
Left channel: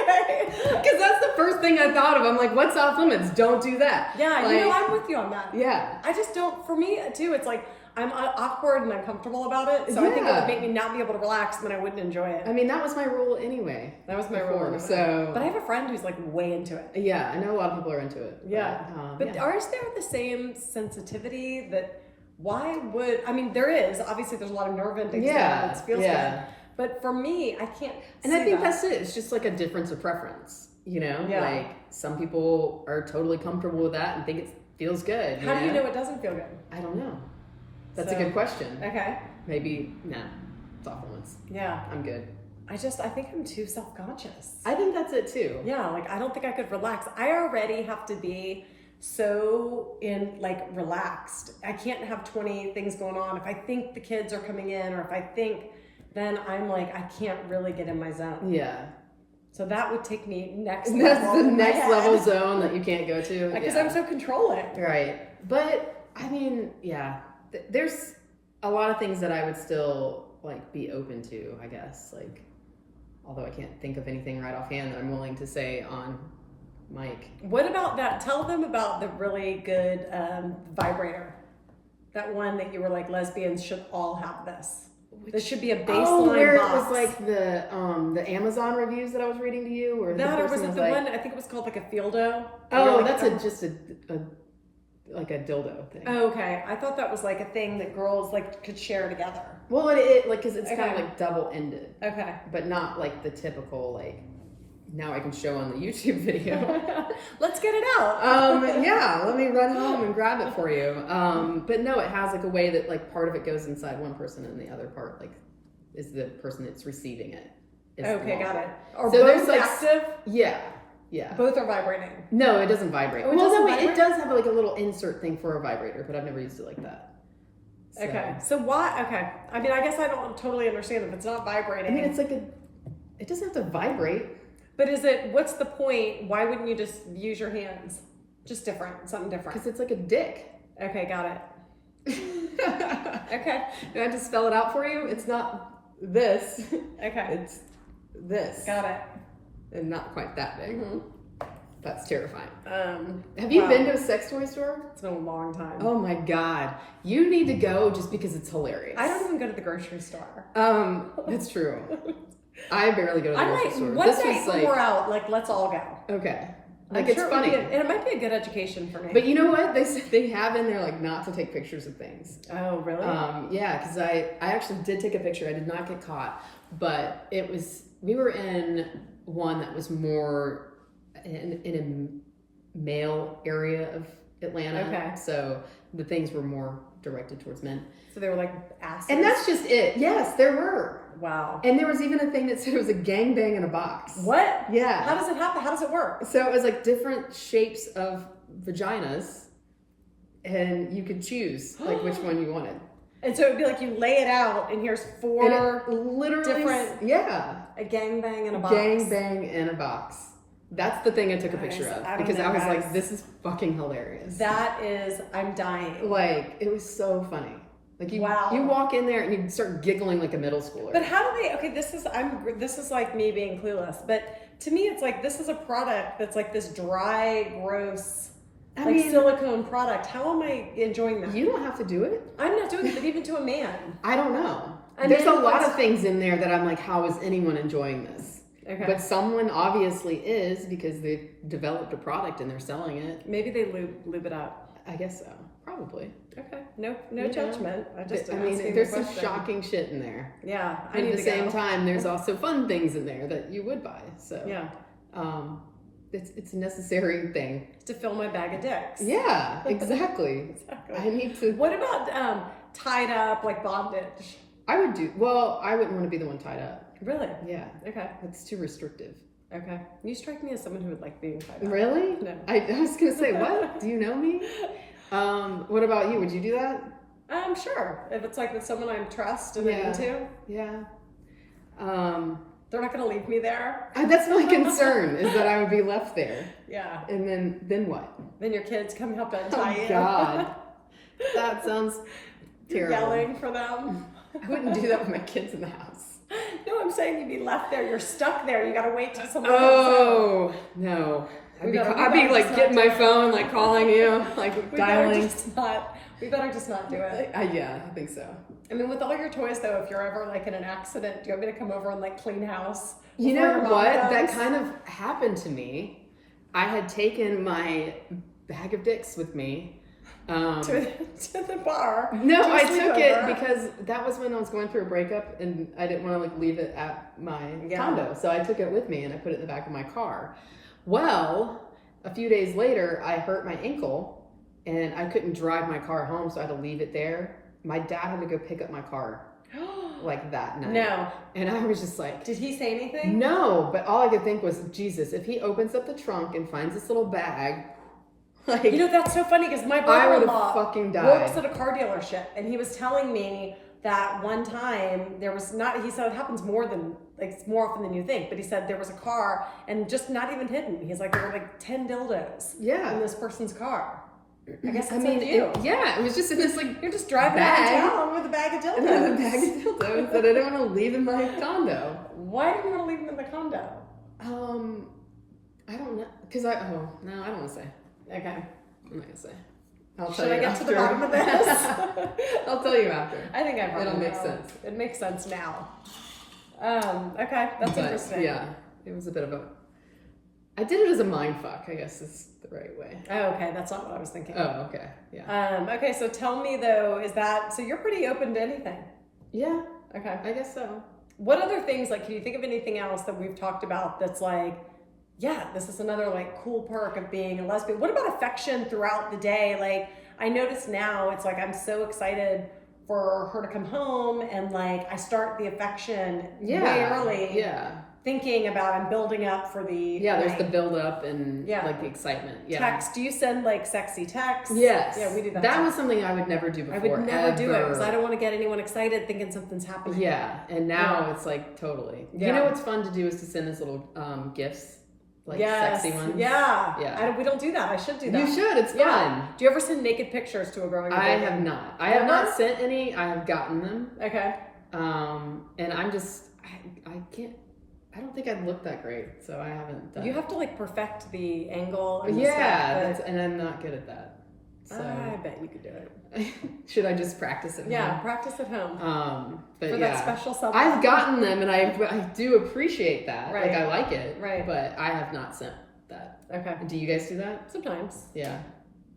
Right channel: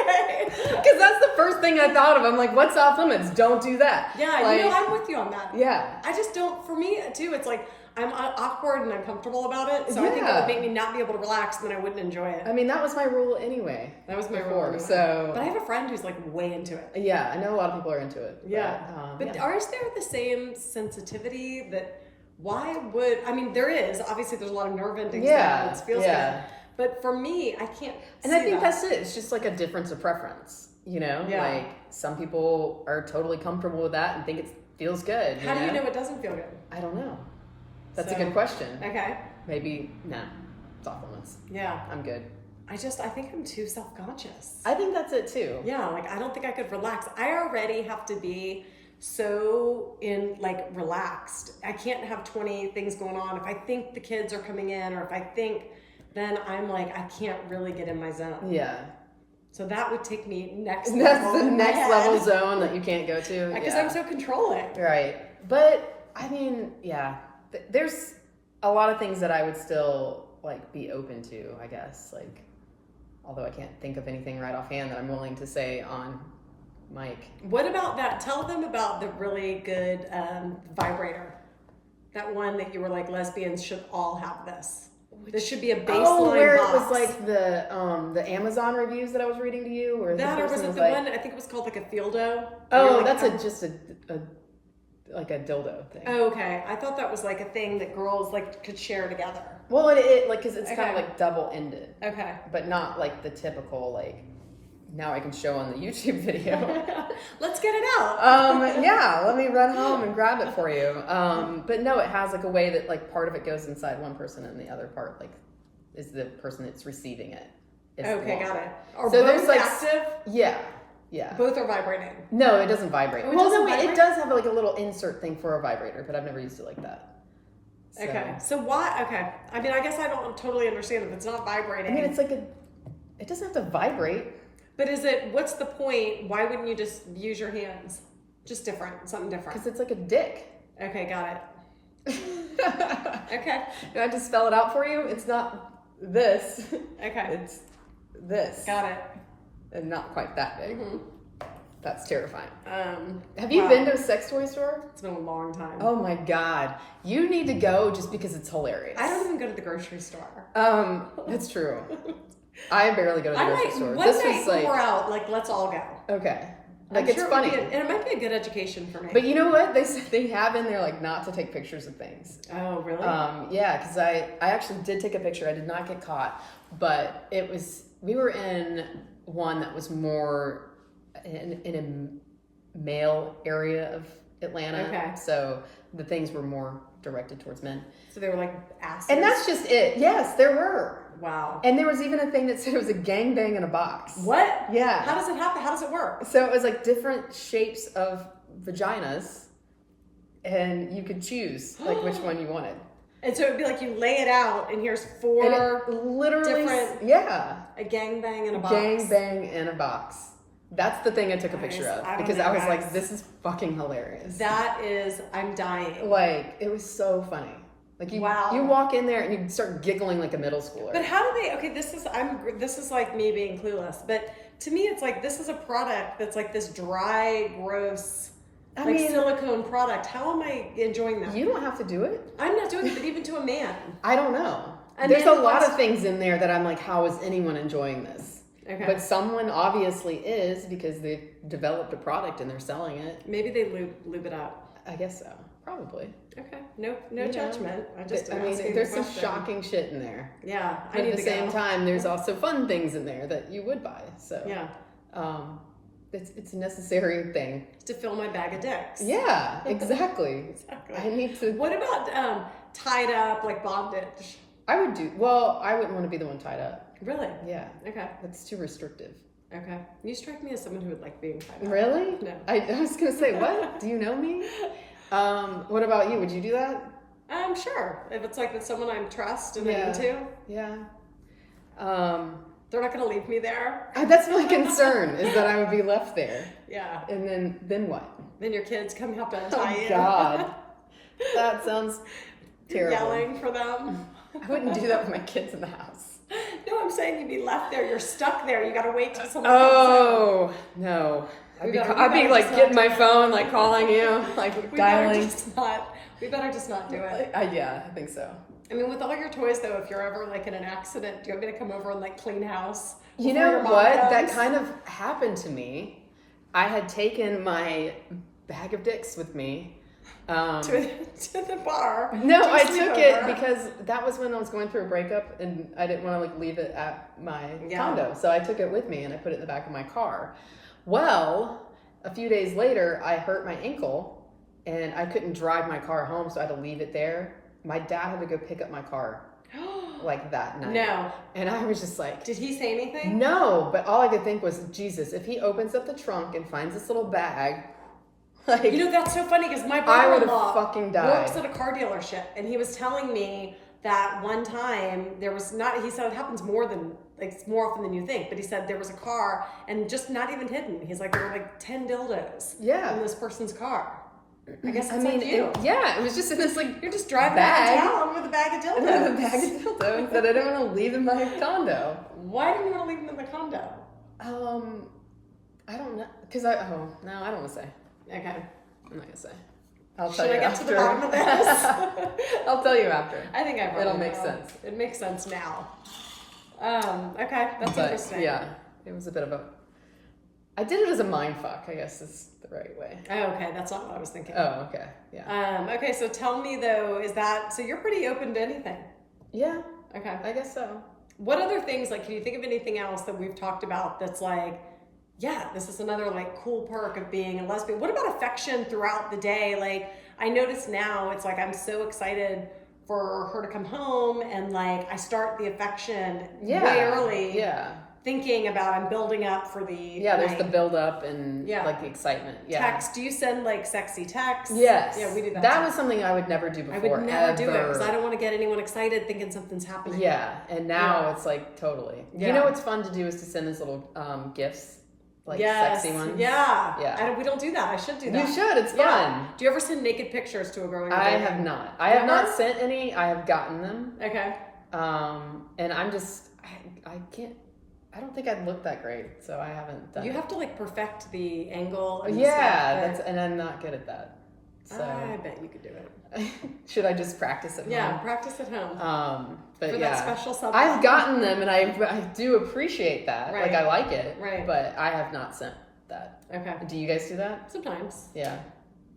Okay. Because that's the first thing I thought of. I'm like, what's off limits? Don't do that. Yeah. Like, you know, I'm with you on that. Yeah. I just don't, for me too, it's like, I'm awkward and uncomfortable about it, so I think it would make me not be able to relax, and then I wouldn't enjoy it. I mean, that was my rule anyway. That was my rule anyway. So, but I have a friend who's like way into it. Yeah, I know a lot of people are into it. Yeah, but is there the same sensitivity that? Why would I mean? There is obviously. There's a lot of nerve endings. Yeah, it feels good. But for me, I can't. And I think that's it. It's just like a difference of preference. You know, like some people are totally comfortable with that and think it feels good. How do you know it doesn't feel good? I don't know. That's a good question. Okay. Maybe, nah, it's off limits. Yeah. I'm good. I think I'm too self-conscious. I think that's it too. Yeah, like I don't think I could relax. I already have to be so relaxed. I can't have 20 things going on. If I think the kids are coming in, or if I think, then I'm like, I can't really get in my zone. Yeah. So that would take me next That's level. the next level zone that you can't go to. Because I'm so controlling. Right. But I mean, yeah, there's a lot of things that I would still like be open to, I guess. Like, although I can't think of anything right offhand that I'm willing to say on mic. What about that? Tell them about the really good vibrator. That one that you were like, lesbians should all have this. This should be a baseline where box. it was like the Amazon reviews that I was reading to you, or that, or was it the one? I think it was called like a Fieldo. Oh, that's just a like a dildo thing. Oh, okay. I thought that was like a thing that girls like could share together. Well, it like because it's kind of like double ended. Okay. But not like the typical like. Now I can show on the YouTube video. Let's get it out. Yeah, let me run home and grab it for you. But no, it has like a way that like part of it goes inside one person and the other part like is the person that's receiving it. Okay, got it. Are so both active? Yeah. Both are vibrating. No, it doesn't vibrate. Oh, it it does have like a little insert thing for a vibrator, but I've never used it like that. So. Okay, so why? Okay, I mean, I guess I don't totally understand if it's not vibrating. I mean, it's like it doesn't have to vibrate. But what's the point? Why wouldn't you just use your hands? Just something different. Because it's like a dick. Okay, got it. Okay. Do I have to spell it out for you? It's not this. Okay. It's this. Got it. And not quite that big. Mm-hmm. That's terrifying. Have you wow. been to a sex toy store? It's been a long time. Oh my God. You need to go just because it's hilarious. I don't even go to the grocery store. That's true. I barely go to the grocery store. One night when we're out, like, let's all go. Okay. Like, it's sure funny. And it might be a good education for me. But you know what? They have in there, like, not to take pictures of things. Oh, really? Yeah, because I actually did take a picture. I did not get caught. But we were in one that was more in a male area of Atlanta. Okay. So the things were more directed towards men. So they were like asses? And that's just it. Yes, there were. Wow. And there was even a thing that said it was a gangbang in a box. What? Yeah. How does it happen? How does it work? So it was like different shapes of vaginas, and you could choose like which one you wanted. And so it'd be like you lay it out, and here's four literally different. Yeah. A gangbang in a box. Gangbang in a box. That's the thing I took a picture of because I was like, this is fucking hilarious. I'm dying. Like, it was so funny. Like you walk in there and you start giggling like a middle schooler. But how do they? Okay, this is like me being clueless. But to me, it's like this is a product that's like this dry, gross, silicone product. How am I enjoying that? You don't have to do it. I'm not doing it, but even to a man, I don't know. There's a lot of things in there that I'm like, how is anyone enjoying this? Okay. But someone obviously is because they've developed a product and they're selling it. Maybe they lube it up. I guess so. Probably. Okay. No judgment. There's some shocking shit in there. Yeah. But at the same time, there's also fun things in there that you would buy. So yeah. It's a necessary thing. To fill my bag of dicks. Yeah, exactly. Exactly. I need to. What about tied up, like bondage? I wouldn't want to be the one tied up. Really? Yeah. Okay. That's too restrictive. Okay. You strike me as someone who would like being tied up. Really? No. I was going to say, what? Do you know me? What about you? Would you do that? Sure. If it's like with someone I trust and I'm into. Yeah. They're not going to leave me there. That's my concern, is that I would be left there. Yeah. And then what? Then your kids come help to untie you. Oh, God. That sounds terrible. Yelling for them. I wouldn't do that with my kids in the house. No, I'm saying you'd be left there. You're stuck there. You got to wait till someone comes out. No. I'd be like getting my phone, like calling you, like dialing. We better just not do it. Yeah, I think so. I mean, with all your toys though, if you're ever like in an accident, do you want me to come over and like clean house? You know what? That kind of happened to me. I had taken my bag of dicks with me. To the bar. No, I took it because that was when I was going through a breakup and I didn't want to like leave it at my condo. So I took it with me and I put it in the back of my car. Well, a few days later, I hurt my ankle and I couldn't drive my car home, so I had to leave it there. My dad had to go pick up my car. like that night. No. And I was just like, did he say anything? No, but all I could think was, Jesus, if he opens up the trunk and finds this little bag, like, you know, that's so funny because my brother-in-law fucking died. works at a car dealership, and he was telling me that one time there was not, he said it happens more often than you think, but he said there was a car and just not even hidden. He's like, there were like 10 dildos in this person's car. I guess it's like you. It was just in this like, you're just driving around town with a bag of dildos. With a bag of dildos that I didn't want to leave in my condo. Why didn't you want to leave them in the condo? I don't know. Because I don't want to say. Okay. I'm not going to say. Should I get to the bottom of this? I'll tell you after. I think I probably It'll make sense. It makes sense now. Okay, that's interesting. Yeah, it was a bit of a... I did it as a mind fuck, I guess is the right way. Oh, okay, that's not what I was thinking. Oh, okay, yeah. Okay, so tell me though, so you're pretty open to anything? Yeah. Okay. I guess so. What other things, like, can you think of anything else that we've talked about that's like, yeah, this is another like cool perk of being a lesbian? What about affection throughout the day? Like, I notice now it's like I'm so excited for her to come home, and like I start the affection way early. Yeah. Thinking about, I'm building up for the there's night. the build up and like the excitement. Yeah. Text. Do you send like sexy texts? Yes. Yeah, we do that. That was something I would never do before. I would never do it because I don't want to get anyone excited thinking something's happening. Yeah, and now it's like totally. Yeah. You know what's fun to do is to send those little gifts. Like sexy ones. Yeah. We don't do that. I should do that. You should. It's fun. Do you ever send naked pictures to a girl you're dating? I have not. I have not sent any. I have gotten them. Okay. And I'm just, I can't, I don't think I'd look that great, so I haven't done You it. have to like perfect the angle and the stuff. And I'm not good at that. So. I bet you could do it. Should I just practice at home? Yeah, practice at home. But for that special self. I've gotten them, and I do appreciate that. Right. Like, I like it. Right. But I have not sent that. Okay. Do you guys do that? Sometimes. Yeah.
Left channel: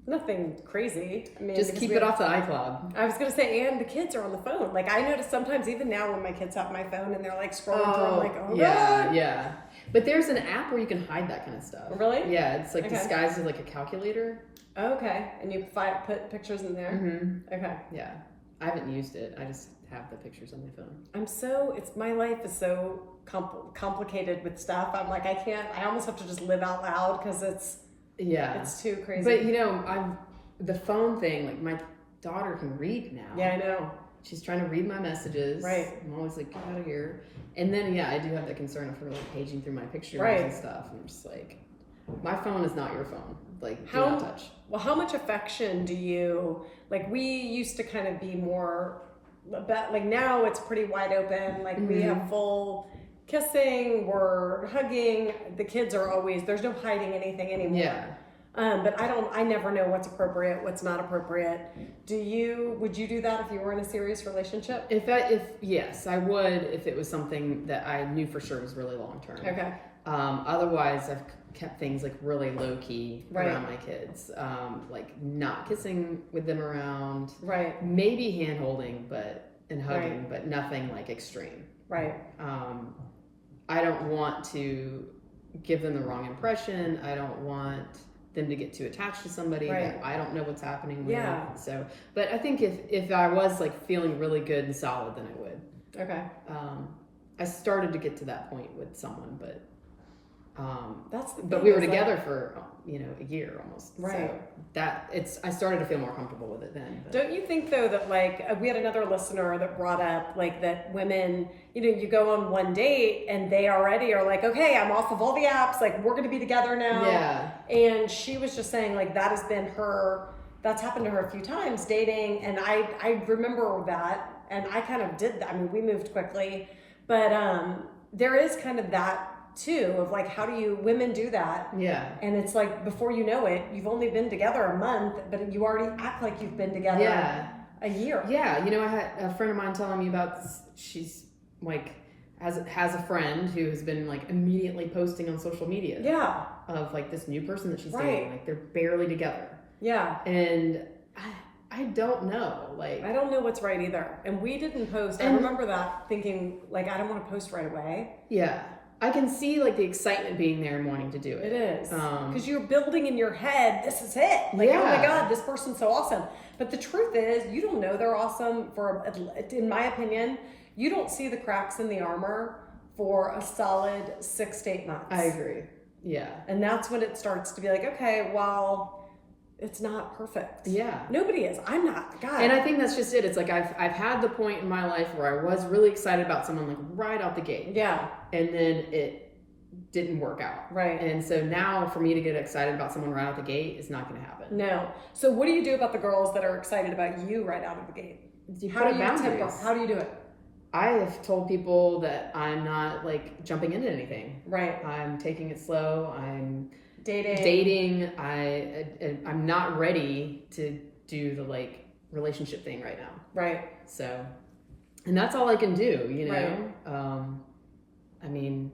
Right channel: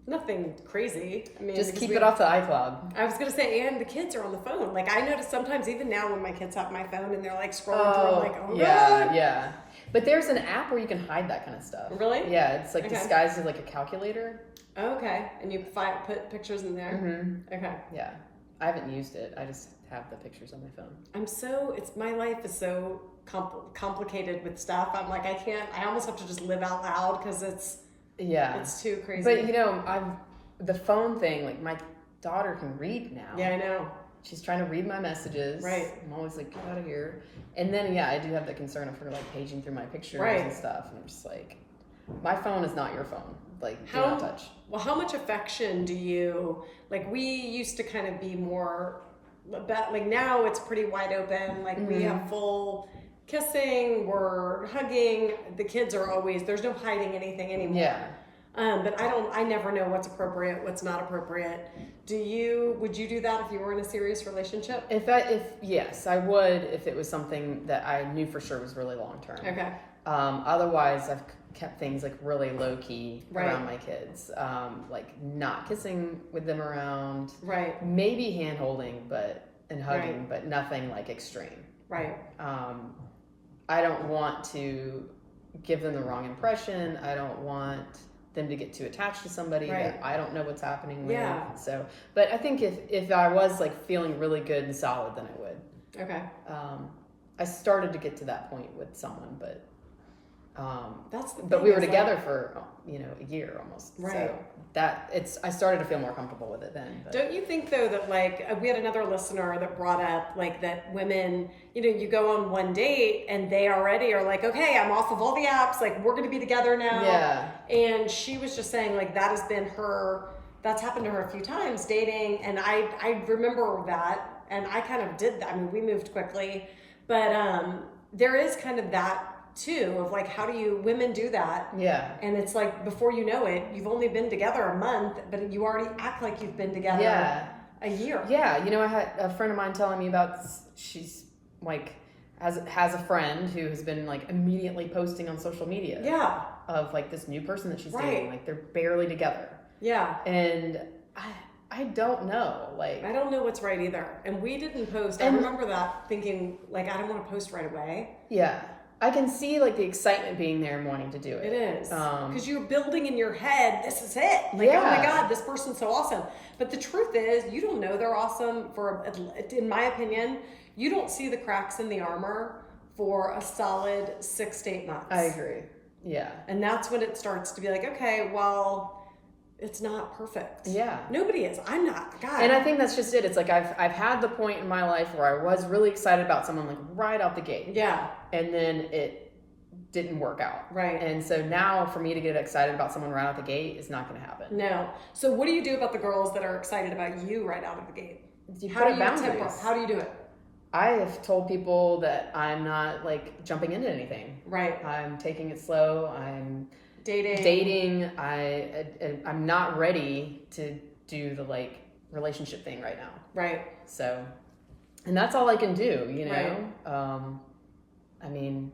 Nothing crazy. I mean, just keep it off the iCloud. I was gonna say, and the kids are on the phone. Like, I notice sometimes, even now, when my kids have my phone and they're like scrolling through, I'm like, oh god. Yeah. But there's an app where you can hide that kind of stuff. Really? Yeah, it's like disguised as like a calculator. Okay, and you put pictures in there. Mm-hmm. Okay. Yeah, I haven't used it. I just have the pictures on my phone. My life is so complicated with stuff. I'm like, I almost have to just live out loud because it's too crazy. But you know, the phone thing, like my daughter can read now. Yeah, I know. She's trying to read my messages. Right. I'm always like, get out of here. And then, I do have the concern of her like paging through my pictures and stuff. And I'm just like, my phone is not your phone. Like, do not touch. Well, how much affection do you, like, we used to kind of be more, but like now it's pretty wide open. Like, we have full kissing, we're hugging. The kids are always, there's no hiding anything anymore. Yeah. But I never know what's appropriate, what's not appropriate. Would you do that if you were in a serious relationship? Yes, I would if it was something that I knew for sure was really long term. Okay. Otherwise, I've kept things like really low key around my kids, like not kissing with them around. Right. Maybe hand holding, and hugging, but nothing like extreme. Right. I don't want to give them the wrong impression. I don't want them to get too attached to somebody that I don't know what's happening with. Yeah. So, but I think if I was like feeling really good and solid, then I would. Okay. I started to get to that point with someone, but that's the thing. But we were together for a year almost. Right. So I started to feel more comfortable with it then. But. Don't you think though that like we had another listener that brought up like that women, you go on one date and they already are like, okay, I'm off of all the apps, like we're gonna be together now. Yeah. And she was just saying like that's happened to her a few times dating, and I remember that, and I kind of did that. I mean, we moved quickly, but there is kind of that too of like, how do women do that? Yeah. And it's like, before you know it, you've only been together a month, but you already act like you've been together a year. Yeah. I had a friend of mine telling me about this. She's like has a friend who has been like immediately posting on social media. Yeah. Of like this new person that she's dating. Like they're barely together. Yeah. And I don't know. Like, I don't know what's right either. And we didn't post. I remember that thinking like, I don't want to post right away. Yeah. I can see like the excitement being there and wanting to do it. It is. Because you're building in your head, this is it. Like, oh my God, this person's so awesome. But the truth is, you don't know they're awesome in my opinion, You don't see the cracks in the armor for a solid 6 to 8 months. I agree. Yeah. And that's when it starts to be like, okay, well, it's not perfect. Yeah. Nobody is. I'm not. God. And I think that's just it. It's like I've had the point in my life where I was really excited about someone like right out the gate. Yeah. And then it didn't work out. Right. And so now for me to get excited about someone right out the gate is not going to happen. No. So what do you do about the girls that are excited about you right out of the gate? How do you temper? How do you do it? I have told people that I'm not like jumping into anything. Right. I'm taking it slow. I'm dating. I'm not ready to do the like relationship thing right now. Right. So, and that's all I can do, you know? Right. I mean,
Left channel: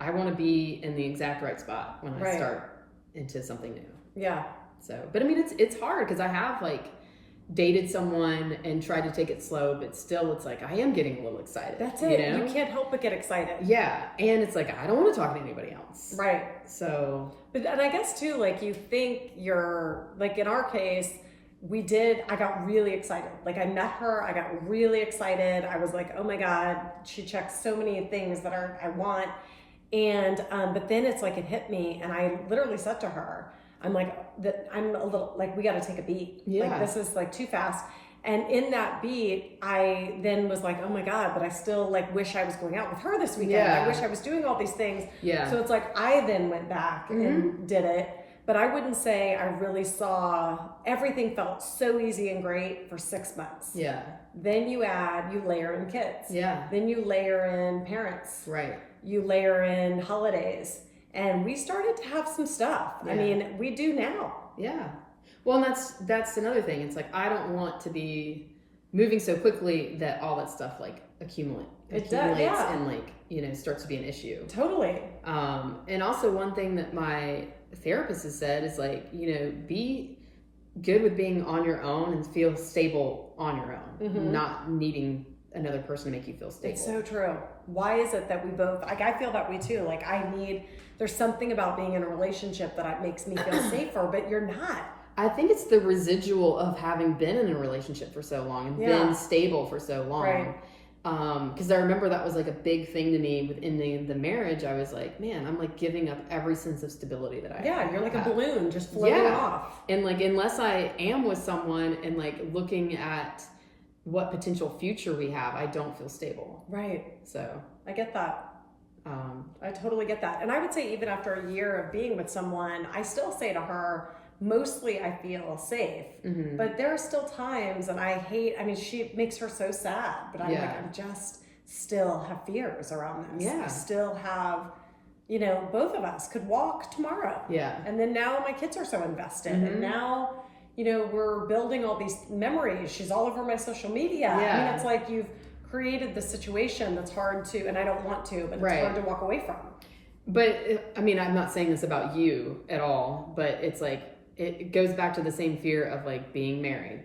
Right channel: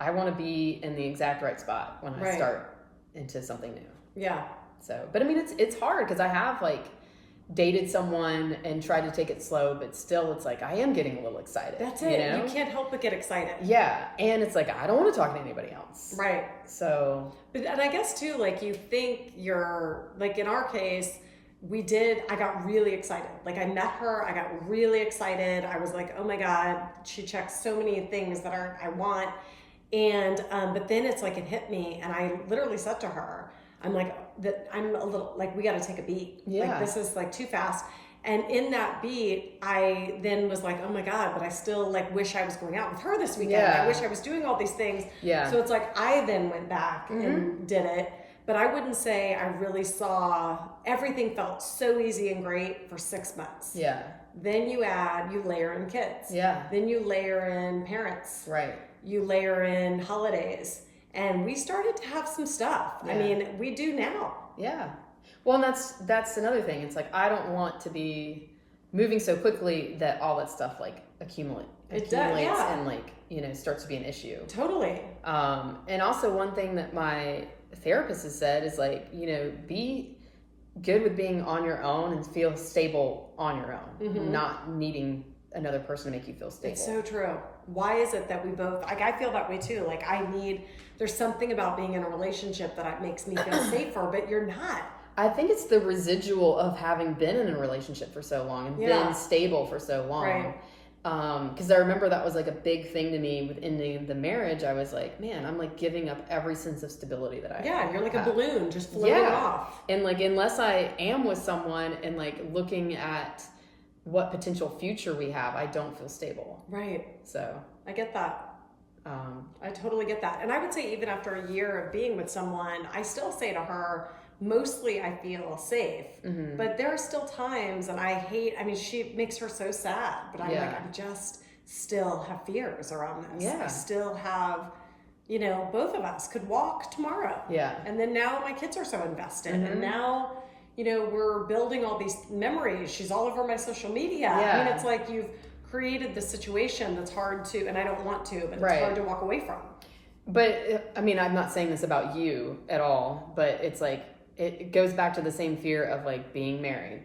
I want to be in the exact right spot when I start into something new. Yeah. So, but I mean, it's hard because I have like dated someone and tried to take it slow, but still it's like I am getting a little excited. That's it. You know? You can't help but get excited. Yeah. And it's like I don't want to talk to anybody else. Right. So, but and I guess too, like you think you're like in our case, I got really excited. Like I met her, I got really excited. I was like, oh my God, she checks so many things that I want. And but then it's like it hit me, and I literally said to her, I'm like, that I'm a little like, we got to take a beat. Yeah. Like this is like too fast. And in that beat, I then was like, oh my God, but I still like wish I was going out with her this weekend. Yeah. I wish I was doing all these things. Yeah. So it's like I then went back and did it. But I wouldn't say I really saw, everything felt so easy and great for 6 months. Yeah. Then you layer in kids. Yeah. Then you layer in parents. Right. You layer in holidays. And we started to have some stuff. Yeah. I mean, we do now. Yeah. Well, and that's another thing. It's like I don't want to be moving so quickly that all that stuff like accumulates yeah. and like, you know, starts to be an issue. Totally. And also one thing that my therapist has said is like, you know, be good with being on your own and feel stable on your own, not needing another person to make you feel stable. It's so true. Why is it that we both, like I feel that way too. Like there's something about being in a relationship that makes me feel safer, but you're not. I think it's the residual of having been in a relationship for so long and been stable for so long. Right. Because I remember that was like a big thing to me with ending the marriage. I was like, man, I'm like giving up every sense of stability that I have. Yeah, you're like a balloon just floating off. And like, unless I am with someone and like looking at what potential future we have, I don't feel stable. Right. So I get that. I totally get that. And I would say even after a year of being with someone, I still say to her, mostly I feel safe, but there are still times, and she makes her so sad, but I'm like, I just still have fears around this. Yeah. I still have, you know, both of us could walk tomorrow. Yeah. And then now my kids are so invested, and now, you know, we're building all these memories. She's all over my social media. Yeah. I mean, it's like you've created the situation that's hard to, and I don't want to, but it's hard to walk away from. But I mean, I'm not saying this about you at all, but it's like, it goes back to the same fear of like being married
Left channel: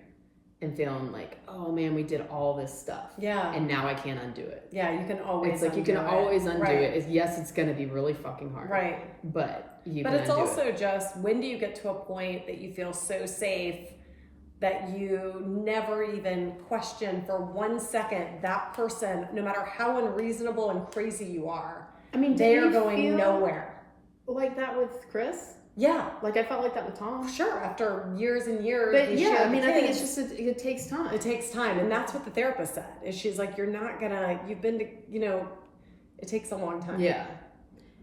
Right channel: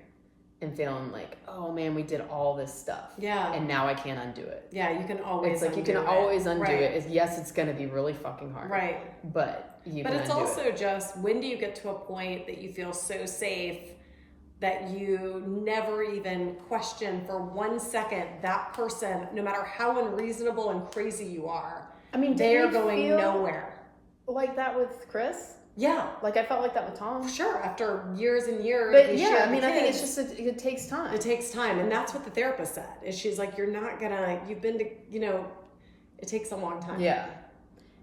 and feeling like, oh man, we did all this stuff. Yeah. And now I can't undo it. Yeah, you can always It's like undo you can always undo right. it. Yes, it's going to be really fucking hard. Right. But you But can it's undo also it. just, when do you get to a point that you feel so safe that you never even question for 1 second that person, no matter how unreasonable and crazy you are, I mean, they are going nowhere. Like that with Chris? Yeah. Like I felt like that with Tom. Sure, after years and years, But we yeah, shared I mean, the I think kids. it's just, it takes time. It takes time, and that's what the therapist said. Is she's like, you're not gonna, you've been to, you know, it takes a long time. Yeah.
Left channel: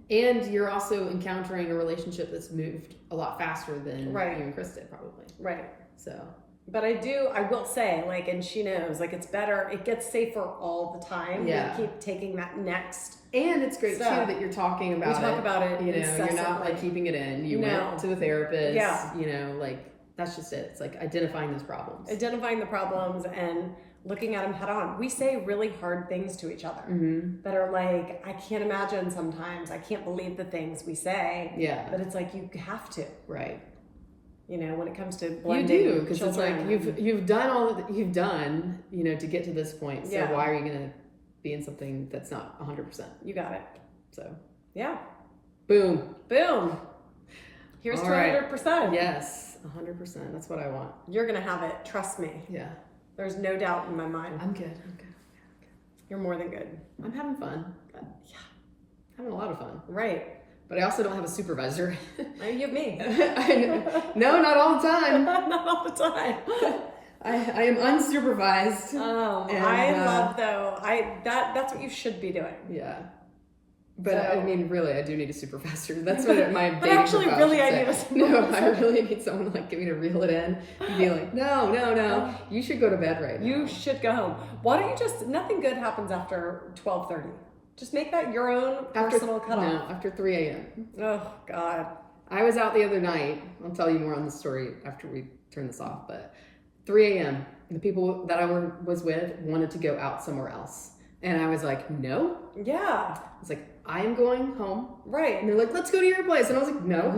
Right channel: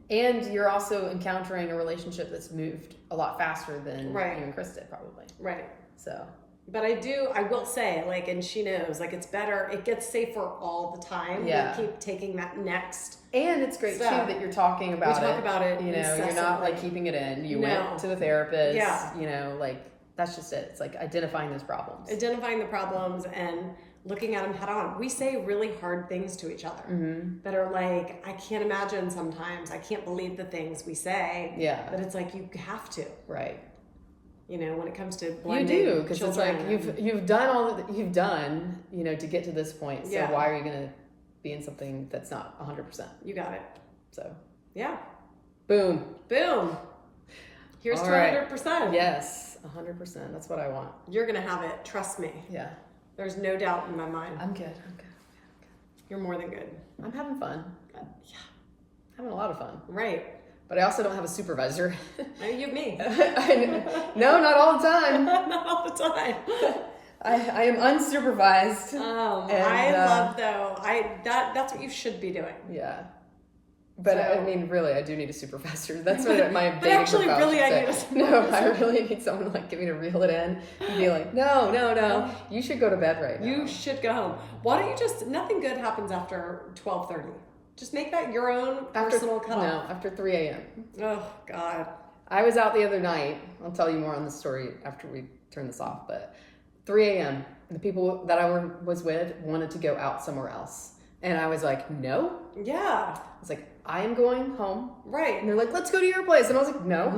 And you're also encountering a relationship that's moved a lot faster than you and Chris did, probably. Right. So. But I will say, like, and she knows, like, it's better, it gets safer all the time. Yeah. We keep taking that next. And it's great, stuff. too, that you're talking about it. We talk about it You know, incessantly. you're not, like, keeping it in. You went to a therapist. Yeah. You know, like, that's just it. It's, like, identifying those problems. Identifying the problems and looking at them head on. We say really hard things to each other that are like, I can't imagine sometimes. I can't believe the things we say. Yeah. But it's like, you have to. Right. You know, when it comes to blending You do, because it's like children. you've done all that you've done, you know, to get to this point. So Yeah. why are you going to be in something that's not 100%? You got it. So, Yeah. boom. Boom. Here's All 200%. Yes, 100%. That's what I want. You're going to have it. Trust me. Yeah. There's no doubt in my mind. I'm good. You're more than good. I'm having fun. Yeah. Having a lot of fun. Right. But I also don't have a supervisor. You have me. No, not all the time. Not all the time. I am unsupervised. I love though. That's what you should be doing. Yeah. But I mean, really, I do need a supervisor. That's what my But actually, really, I need a supervisor. No, I really need someone to like get me to reel it in and be like, no, you should go to bed right now. You should go home. Why don't you just? Nothing good happens after 12:30. Just make that your own personal cutoff. No, after 3 a.m. Oh God. I was out the other night. I'll tell you more on the story after we turn this off. But 3 a.m. the people that I was with wanted to go out somewhere else, and I was like, no. Yeah. I was like, I am going home. Right. And they're like, let's go to your place. And I was like, no.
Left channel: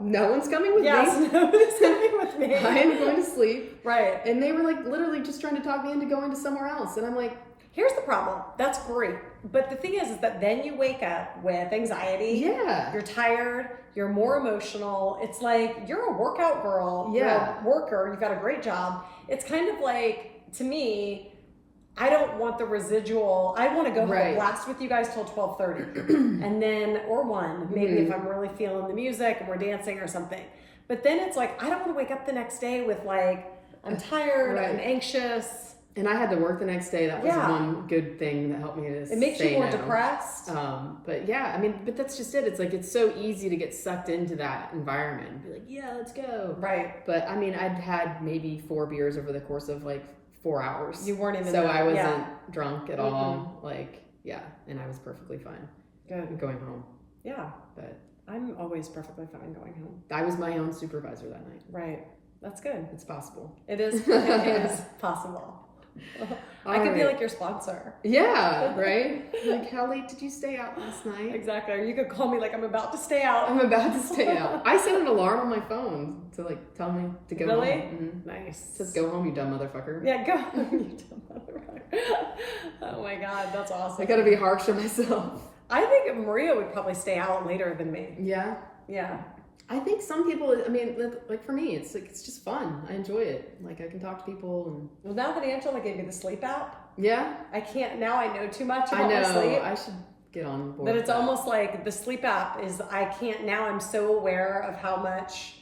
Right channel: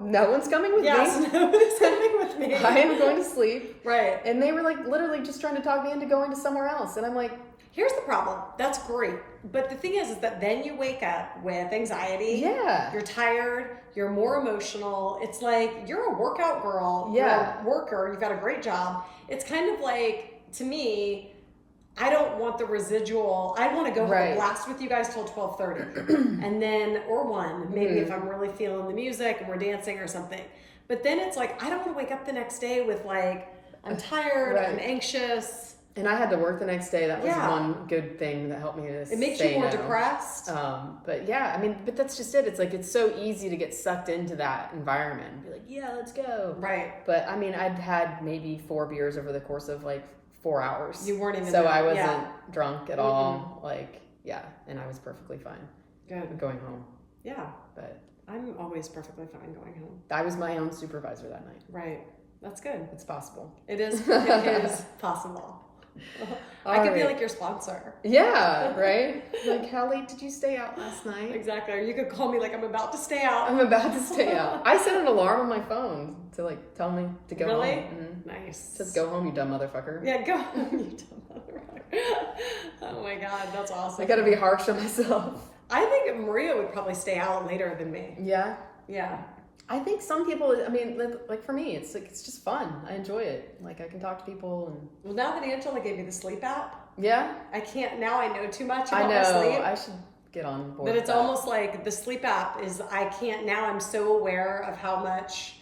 No one's coming with me. Yes, no one's coming with me. I am going to sleep. Right. And they were like literally just trying to talk me into going to somewhere else. And I'm like, here's the problem. That's great. But the thing is that then you wake up with anxiety. Yeah. You're tired. You're more emotional. It's like you're a workout girl. Yeah. You're a worker. You've got a great job. It's kind of like, to me, I don't want the residual. I want to go have a blast with you guys till 12:30, and then or 1 maybe if I'm really feeling the music and we're dancing or something. But then it's like I don't want to wake up the next day with like I'm tired, I'm anxious. And I had to work the next day. That was one good thing that helped me to. It makes you more depressed. But yeah, I mean, but that's just it. It's like it's so easy to get sucked into that environment and be like, yeah, let's go. Right. But I mean, I'd had maybe 4 beers over the course of like 4 hours. You weren't even so I wasn't drunk at all. Like, and I was perfectly fine. Good. Going home. Yeah. But I'm always perfectly fine going home. I was my own supervisor that night. Right. That's good. It's possible. It is. It is possible. I could be like your sponsor. Yeah, right? Like, how late did you stay out last night? Exactly. Or you could call me like I'm about to stay out. I'm about to stay out. I set an alarm on my phone to like tell me to go really? home. Mm-hmm. Nice. It says go home, you dumb motherfucker. Yeah, go home, you dumb motherfucker. Oh my God, that's awesome. I gotta be harsh on myself. I think Maria would probably stay out later than me. Yeah? Yeah. I think some people, I mean, like for me, it's like, it's just fun. I enjoy it. Like I can talk to people and... Well, now that Angela gave me the sleep app, yeah, I can't, now I know too much about my sleep. I should get on board. But it's almost like the sleep app is, I can't, now I'm so aware of how much,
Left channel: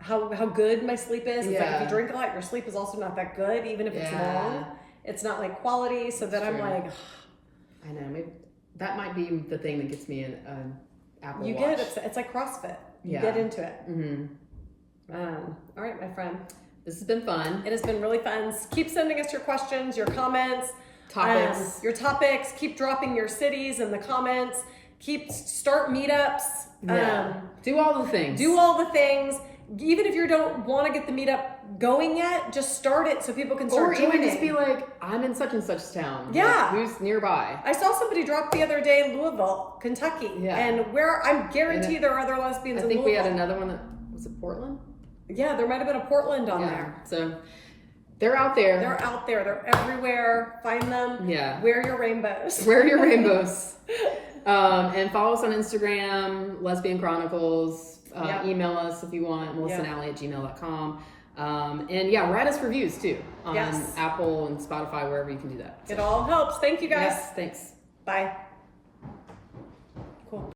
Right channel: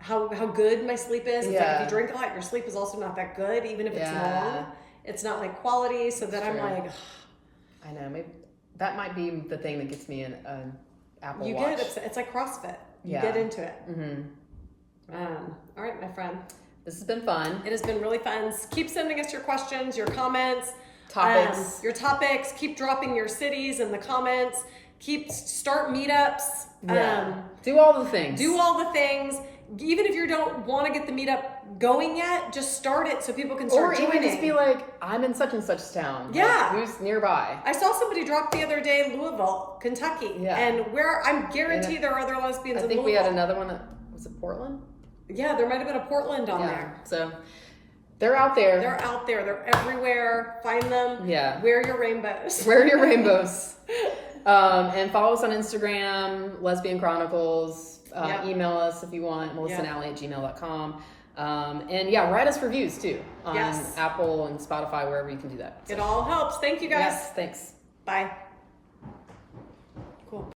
how good my sleep is. It's like if you drink a lot, your sleep is also not that good, even if it's long. It's not like quality. So then I'm like... Ugh. I know, maybe that might be the thing that gets me an Apple You Watch. get it, it's like CrossFit. You get into it. Mm-hmm. All right, my friend. This has been fun. It has been really fun. Keep sending us your questions, your comments, topics. Your topics. Keep dropping your cities in the comments. Start meetups. Do all the things. Do all the things. Even if you don't want to get the meetup going yet, just start it so people can start joining. Or even just be like, I'm in such and such town. Yeah. Like, who's nearby? I saw somebody drop the other day Louisville, Kentucky. Yeah. And where I'm guaranteed there are other lesbians in Louisville. I think we had another one. Was it Portland? Yeah, there might have been a Portland on there. So they're out there. They're out there. They're everywhere. Find them. Yeah. Wear your rainbows. Wear your rainbows. And follow us on Instagram, Lesbian Chronicles. Email us if you want, melissaandally@gmail.com. And write us reviews too on Apple and Spotify, wherever you can do that. So. It all helps. Thank you guys. Yes, thanks. Bye.